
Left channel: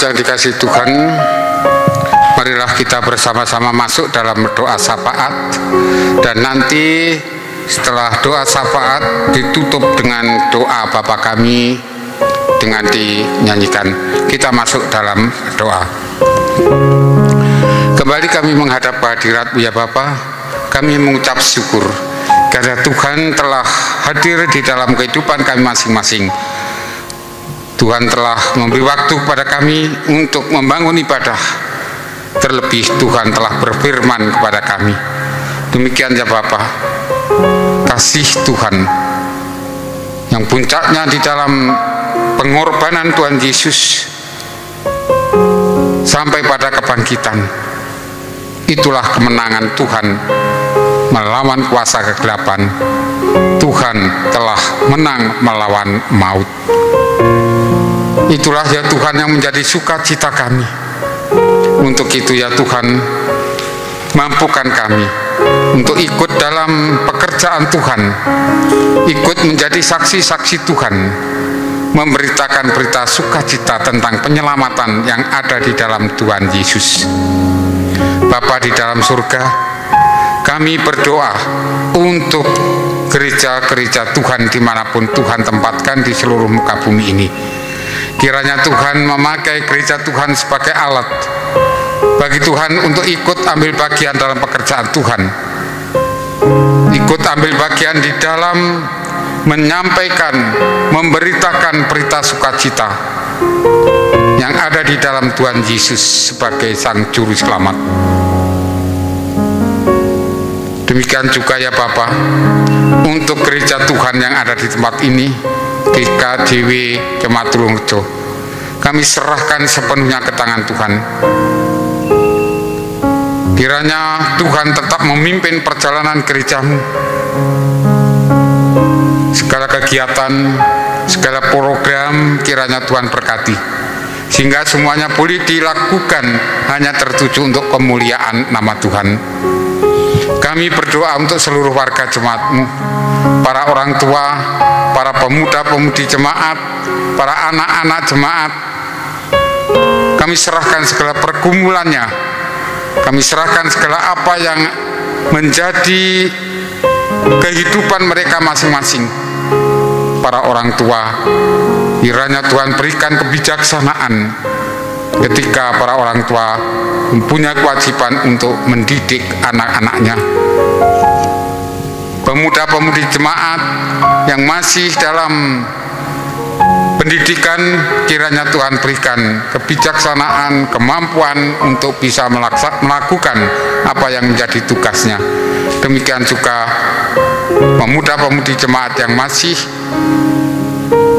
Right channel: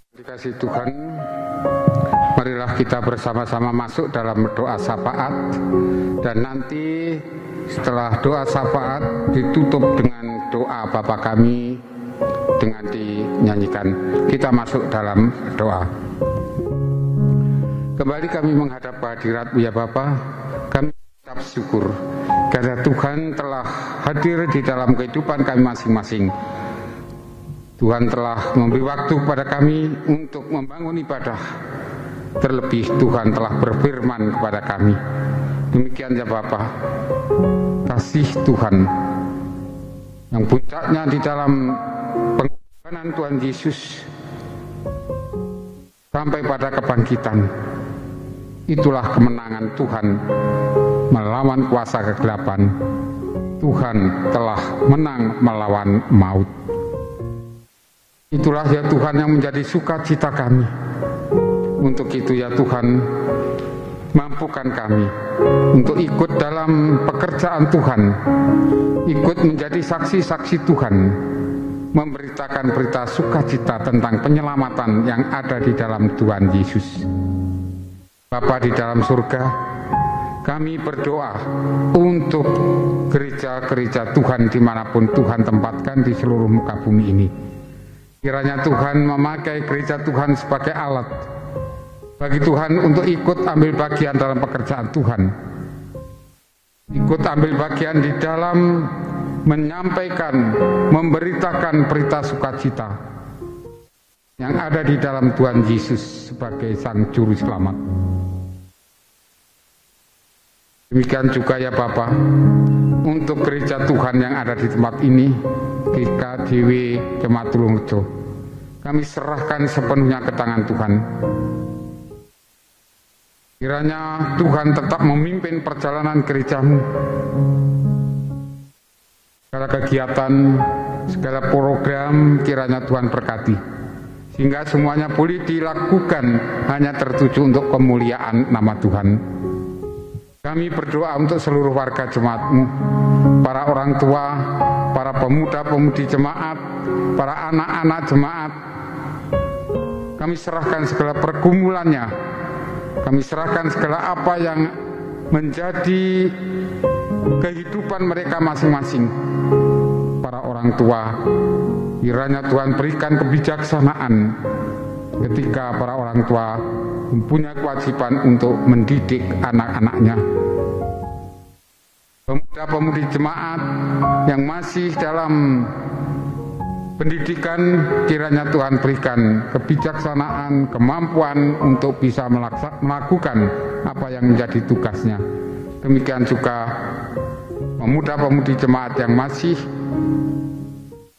Yang dikasihi Tuhan, marilah kita bersama-sama masuk dalam doa syafaat, dan nanti setelah doa syafaat ditutup dengan doa Bapa kami dengan dinyanyikan. Kita masuk dalam doa. Kembali kami menghadap hadirat-Mu ya Bapa. kami mengucap syukur karena Tuhan telah hadir di dalam kehidupan kami masing-masing. Tuhan telah memberi waktu kepada kami untuk membangun ibadah. Terlebih Tuhan telah berfirman kepada kami. Demikian ya Bapa, kasih Tuhan yang puncaknya di dalam pengorbanan Tuhan Yesus sampai pada kebangkitan, itulah kemenangan Tuhan melawan kuasa kegelapan. Tuhan telah menang melawan maut. Itulah ya Tuhan yang menjadi sukacita kami. Untuk itu ya Tuhan, mampukan kami untuk ikut dalam pekerjaan Tuhan, ikut menjadi saksi-saksi Tuhan, memberitakan berita sukacita tentang penyelamatan yang ada di dalam Tuhan Yesus. Bapa di dalam surga, kami berdoa untuk gereja-gereja Tuhan dimanapun Tuhan tempatkan di seluruh muka bumi ini. Kiranya Tuhan memakai gereja Tuhan sebagai alat bagi Tuhan untuk ikut ambil bagian dalam pekerjaan Tuhan, ikut ambil bagian di dalam menyampaikan, memberitakan berita sukacita yang ada di dalam Tuhan Yesus sebagai Sang Juru Selamat. Demikian juga ya Bapa, untuk gereja Tuhan yang ada di tempat ini, GKJW Jemaat Tulungrejo, kami serahkan sepenuhnya ke tangan Tuhan. Kiranya Tuhan tetap memimpin perjalanan gerejamu. Segala kegiatan, segala program kiranya Tuhan berkati, sehingga semuanya boleh dilakukan hanya tertuju untuk kemuliaan nama Tuhan. Kami berdoa untuk seluruh warga jemaat-Mu, para orang tua, para pemuda-pemudi jemaat, para anak-anak jemaat. Kami serahkan segala pergumulannya, kami serahkan segala apa yang menjadi kehidupan mereka masing-masing. Para orang tua, kiranya Tuhan berikan kebijaksanaan ketika para orang tua mempunyai kewajiban untuk mendidik anak-anaknya. Pemuda-pemudi jemaat yang masih dalam pendidikan, kiranya Tuhan berikan kebijaksanaan, kemampuan untuk bisa melakukan apa yang menjadi tugasnya. Demikian juga pemuda-pemudi jemaat yang masih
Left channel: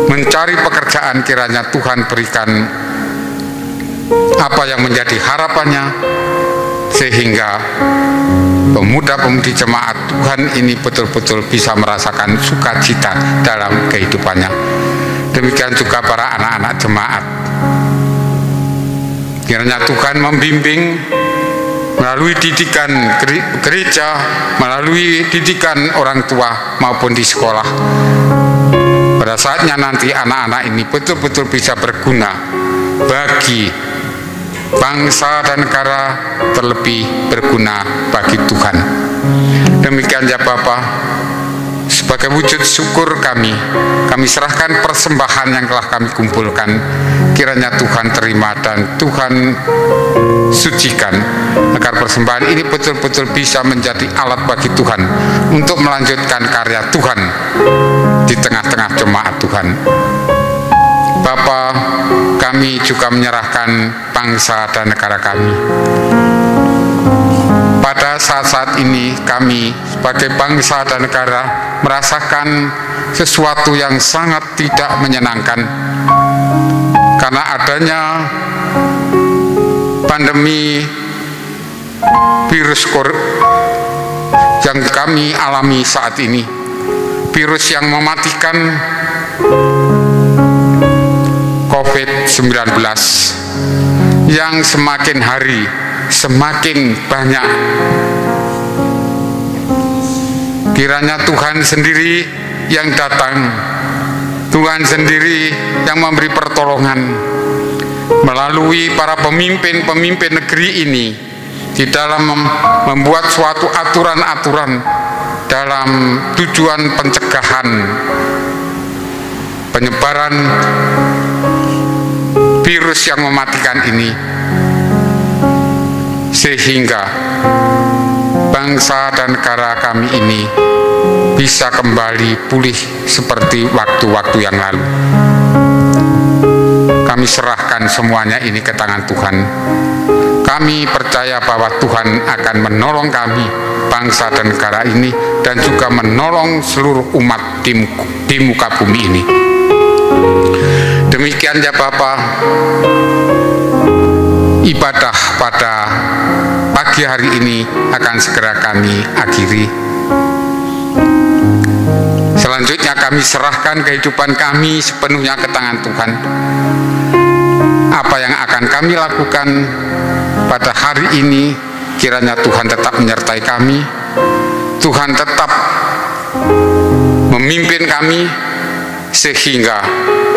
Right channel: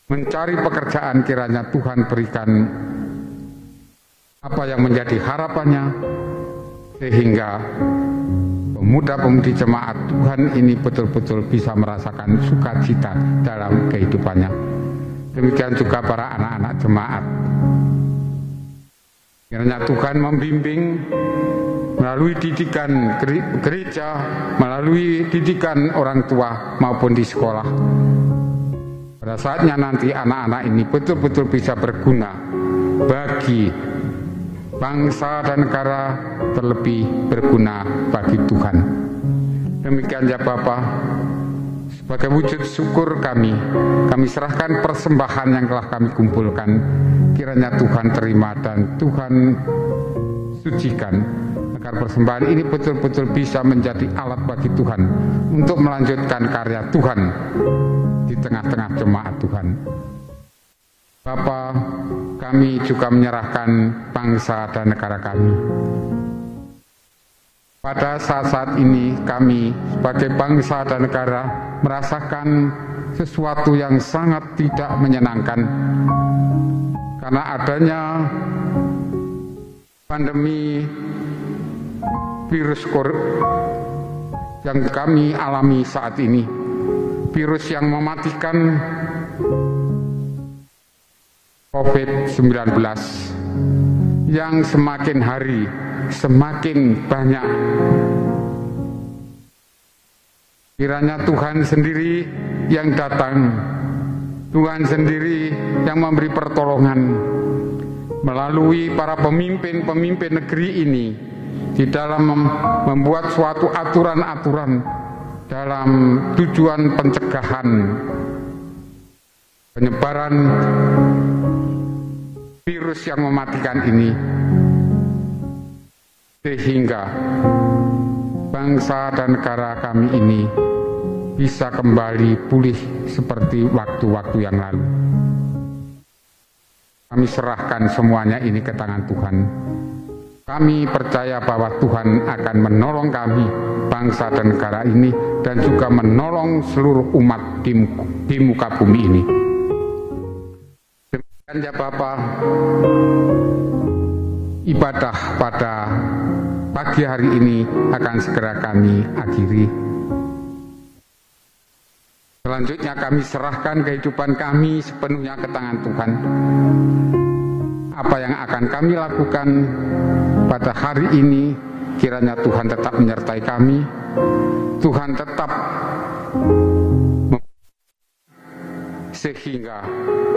mencari pekerjaan, kiranya Tuhan berikan apa yang menjadi harapannya, sehingga pemuda-pemudi jemaat Tuhan ini betul-betul bisa merasakan sukacita dalam kehidupannya. Demikian juga para anak-anak jemaat, kiranya Tuhan membimbing melalui didikan gereja, melalui didikan orang tua maupun di sekolah. Pada saatnya nanti anak-anak ini betul-betul bisa berguna bagi bangsa dan negara, terlebih berguna bagi Tuhan. Demikian ya Bapa, sebagai wujud syukur kami serahkan persembahan yang telah kami kumpulkan. Kiranya Tuhan terima dan Tuhan sucikan, agar persembahan ini betul-betul bisa menjadi alat bagi Tuhan untuk melanjutkan karya Tuhan di tengah-tengah jemaat Tuhan. Bapa, kami juga menyerahkan bangsa dan negara kami. Pada saat-saat ini kami sebagai bangsa dan negara merasakan sesuatu yang sangat tidak menyenangkan karena adanya pandemi virus yang kami alami saat ini, virus yang mematikan COVID-19 yang semakin hari semakin banyak. Kiranya Tuhan sendiri yang datang, Tuhan sendiri yang memberi pertolongan melalui para pemimpin-pemimpin negeri ini di dalam membuat suatu aturan-aturan dalam tujuan pencegahan penyebaran virus yang mematikan ini, sehingga bangsa dan negara kami ini bisa kembali pulih seperti waktu-waktu yang lalu. Kami serahkan semuanya ini ke tangan Tuhan. Kami percaya bahwa Tuhan akan menolong kami, bangsa dan negara ini, dan juga menolong seluruh umat di muka bumi ini. Demikian ya Bapa, ibadah pada pagi hari ini akan segera kami akhiri. Selanjutnya kami serahkan kehidupan kami sepenuhnya ke tangan Tuhan. Apa yang akan kami lakukan pada hari ini, kiranya Tuhan tetap menyertai kami, Tuhan tetap memimpin kami, sehingga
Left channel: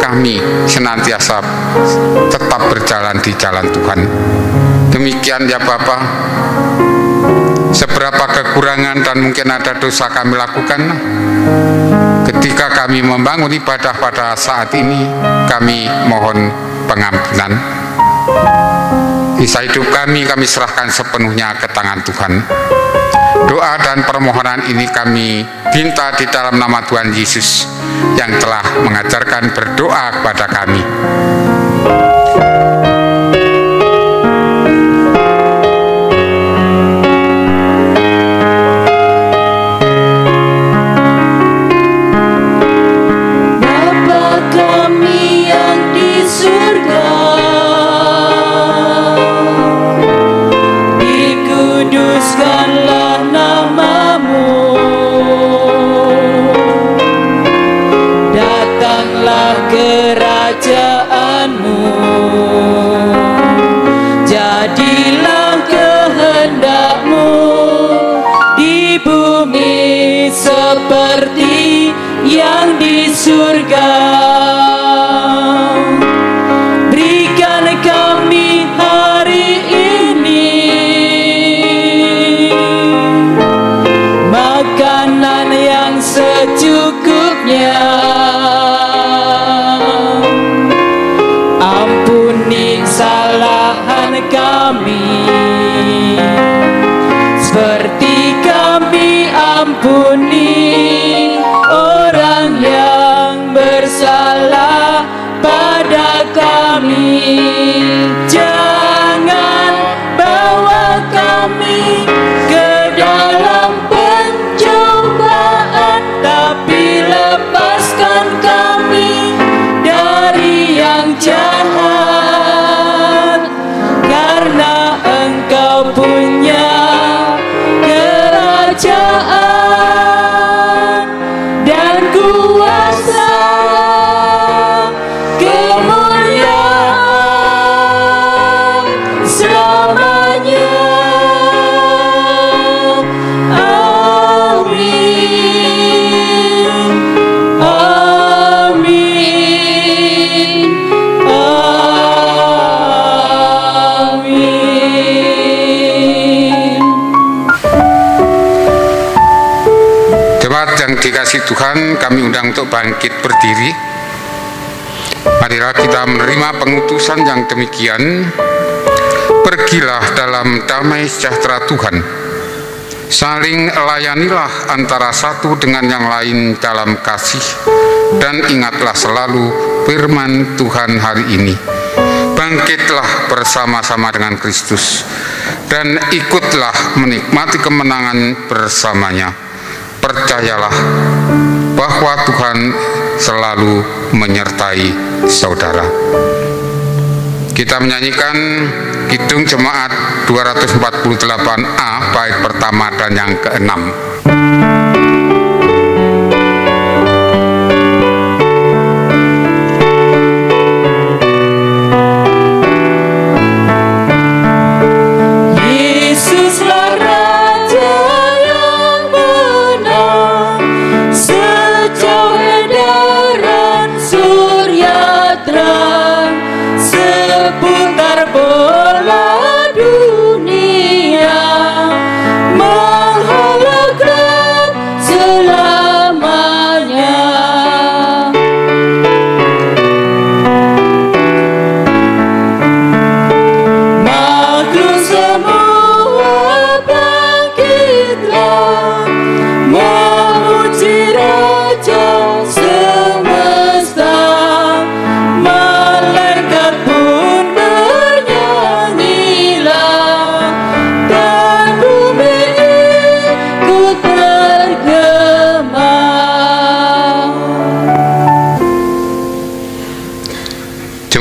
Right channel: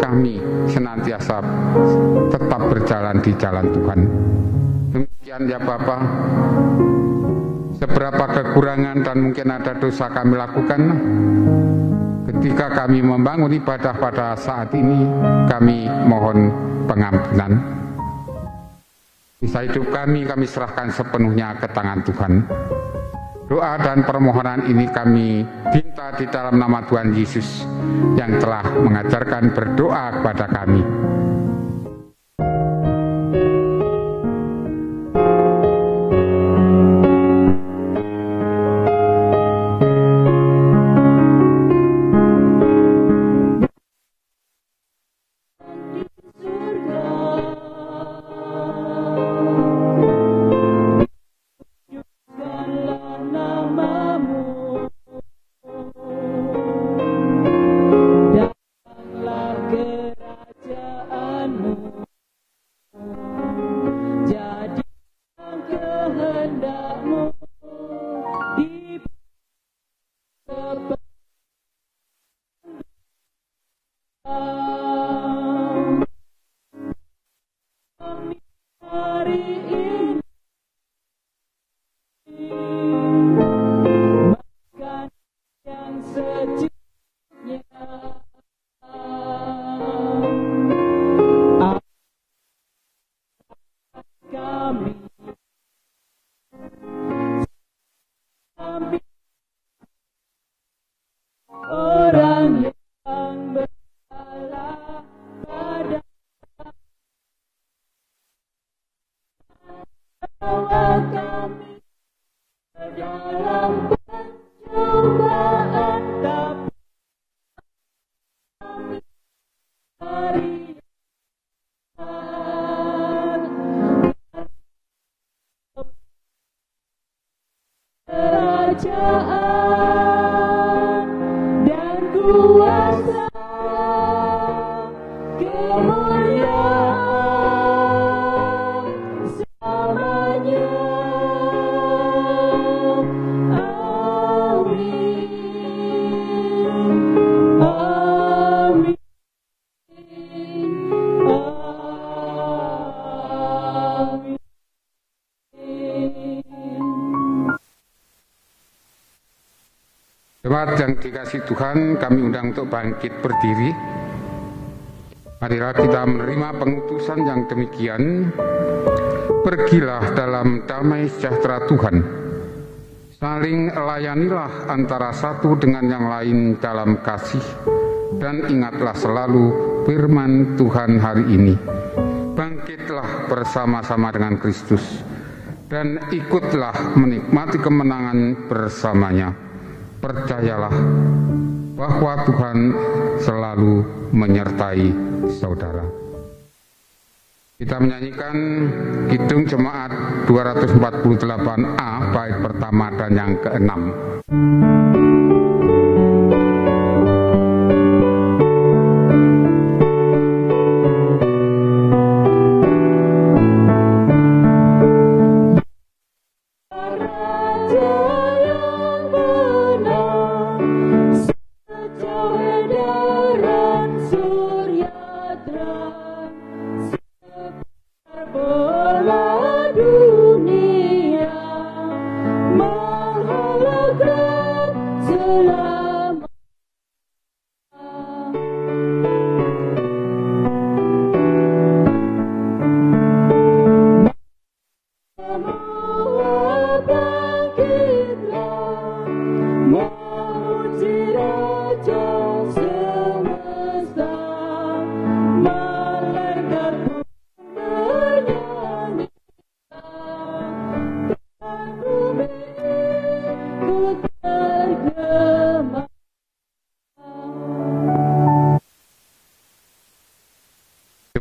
kami senantiasa tetap berjalan di jalan Tuhan. Demikian ya Bapa, seberapa kekurangan dan mungkin ada dosa kami lakukan, ketika kami membangun ibadah pada saat ini, kami mohon pengampunan. Sisa hidup kami serahkan sepenuhnya ke tangan Tuhan. Doa dan permohonan ini kami minta di dalam nama Tuhan Yesus yang telah mengajarkan berdoa kepada kami. Yang dikasih Tuhan, kami undang untuk bangkit berdiri. Marilah kita menerima pengutusan yang demikian. Pergilah dalam damai sejahtera Tuhan. Saling layanilah antara satu dengan yang lain dalam kasih, dan ingatlah selalu firman Tuhan hari ini. Bangkitlah bersama-sama dengan Kristus, dan ikutlah menikmati kemenangan bersamanya. Percayalah bahwa Tuhan selalu menyertai saudara. Kita menyanyikan Kidung Jemaat 248A bait pertama dan yang ke-6. Bola dunia menghalak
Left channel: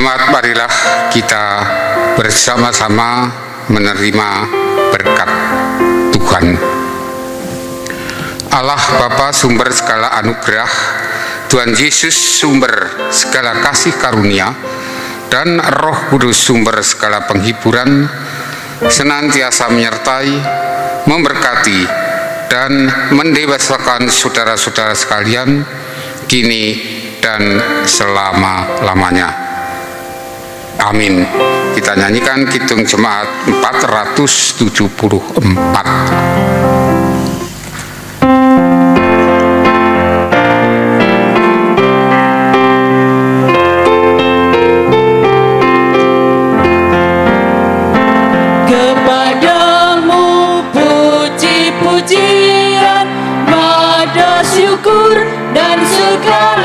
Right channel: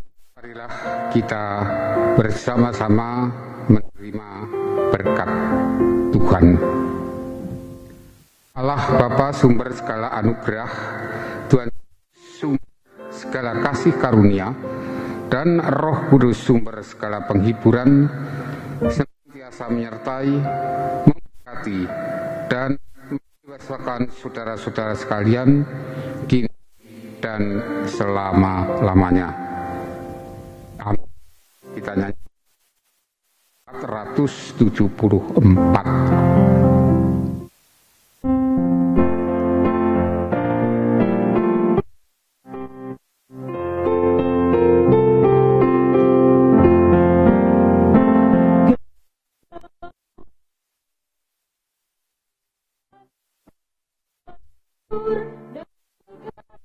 Jemaat, marilah kita bersama-sama menerima berkat Tuhan. Allah Bapa sumber segala anugerah, Tuhan Yesus sumber segala kasih karunia, dan Roh Kudus sumber segala penghiburan, senantiasa menyertai, memberkati, dan mendewasakan saudara-saudara sekalian, kini dan selama-lamanya. Amin. Kita nyanyikan Kidung Jemaat 474. Dan segala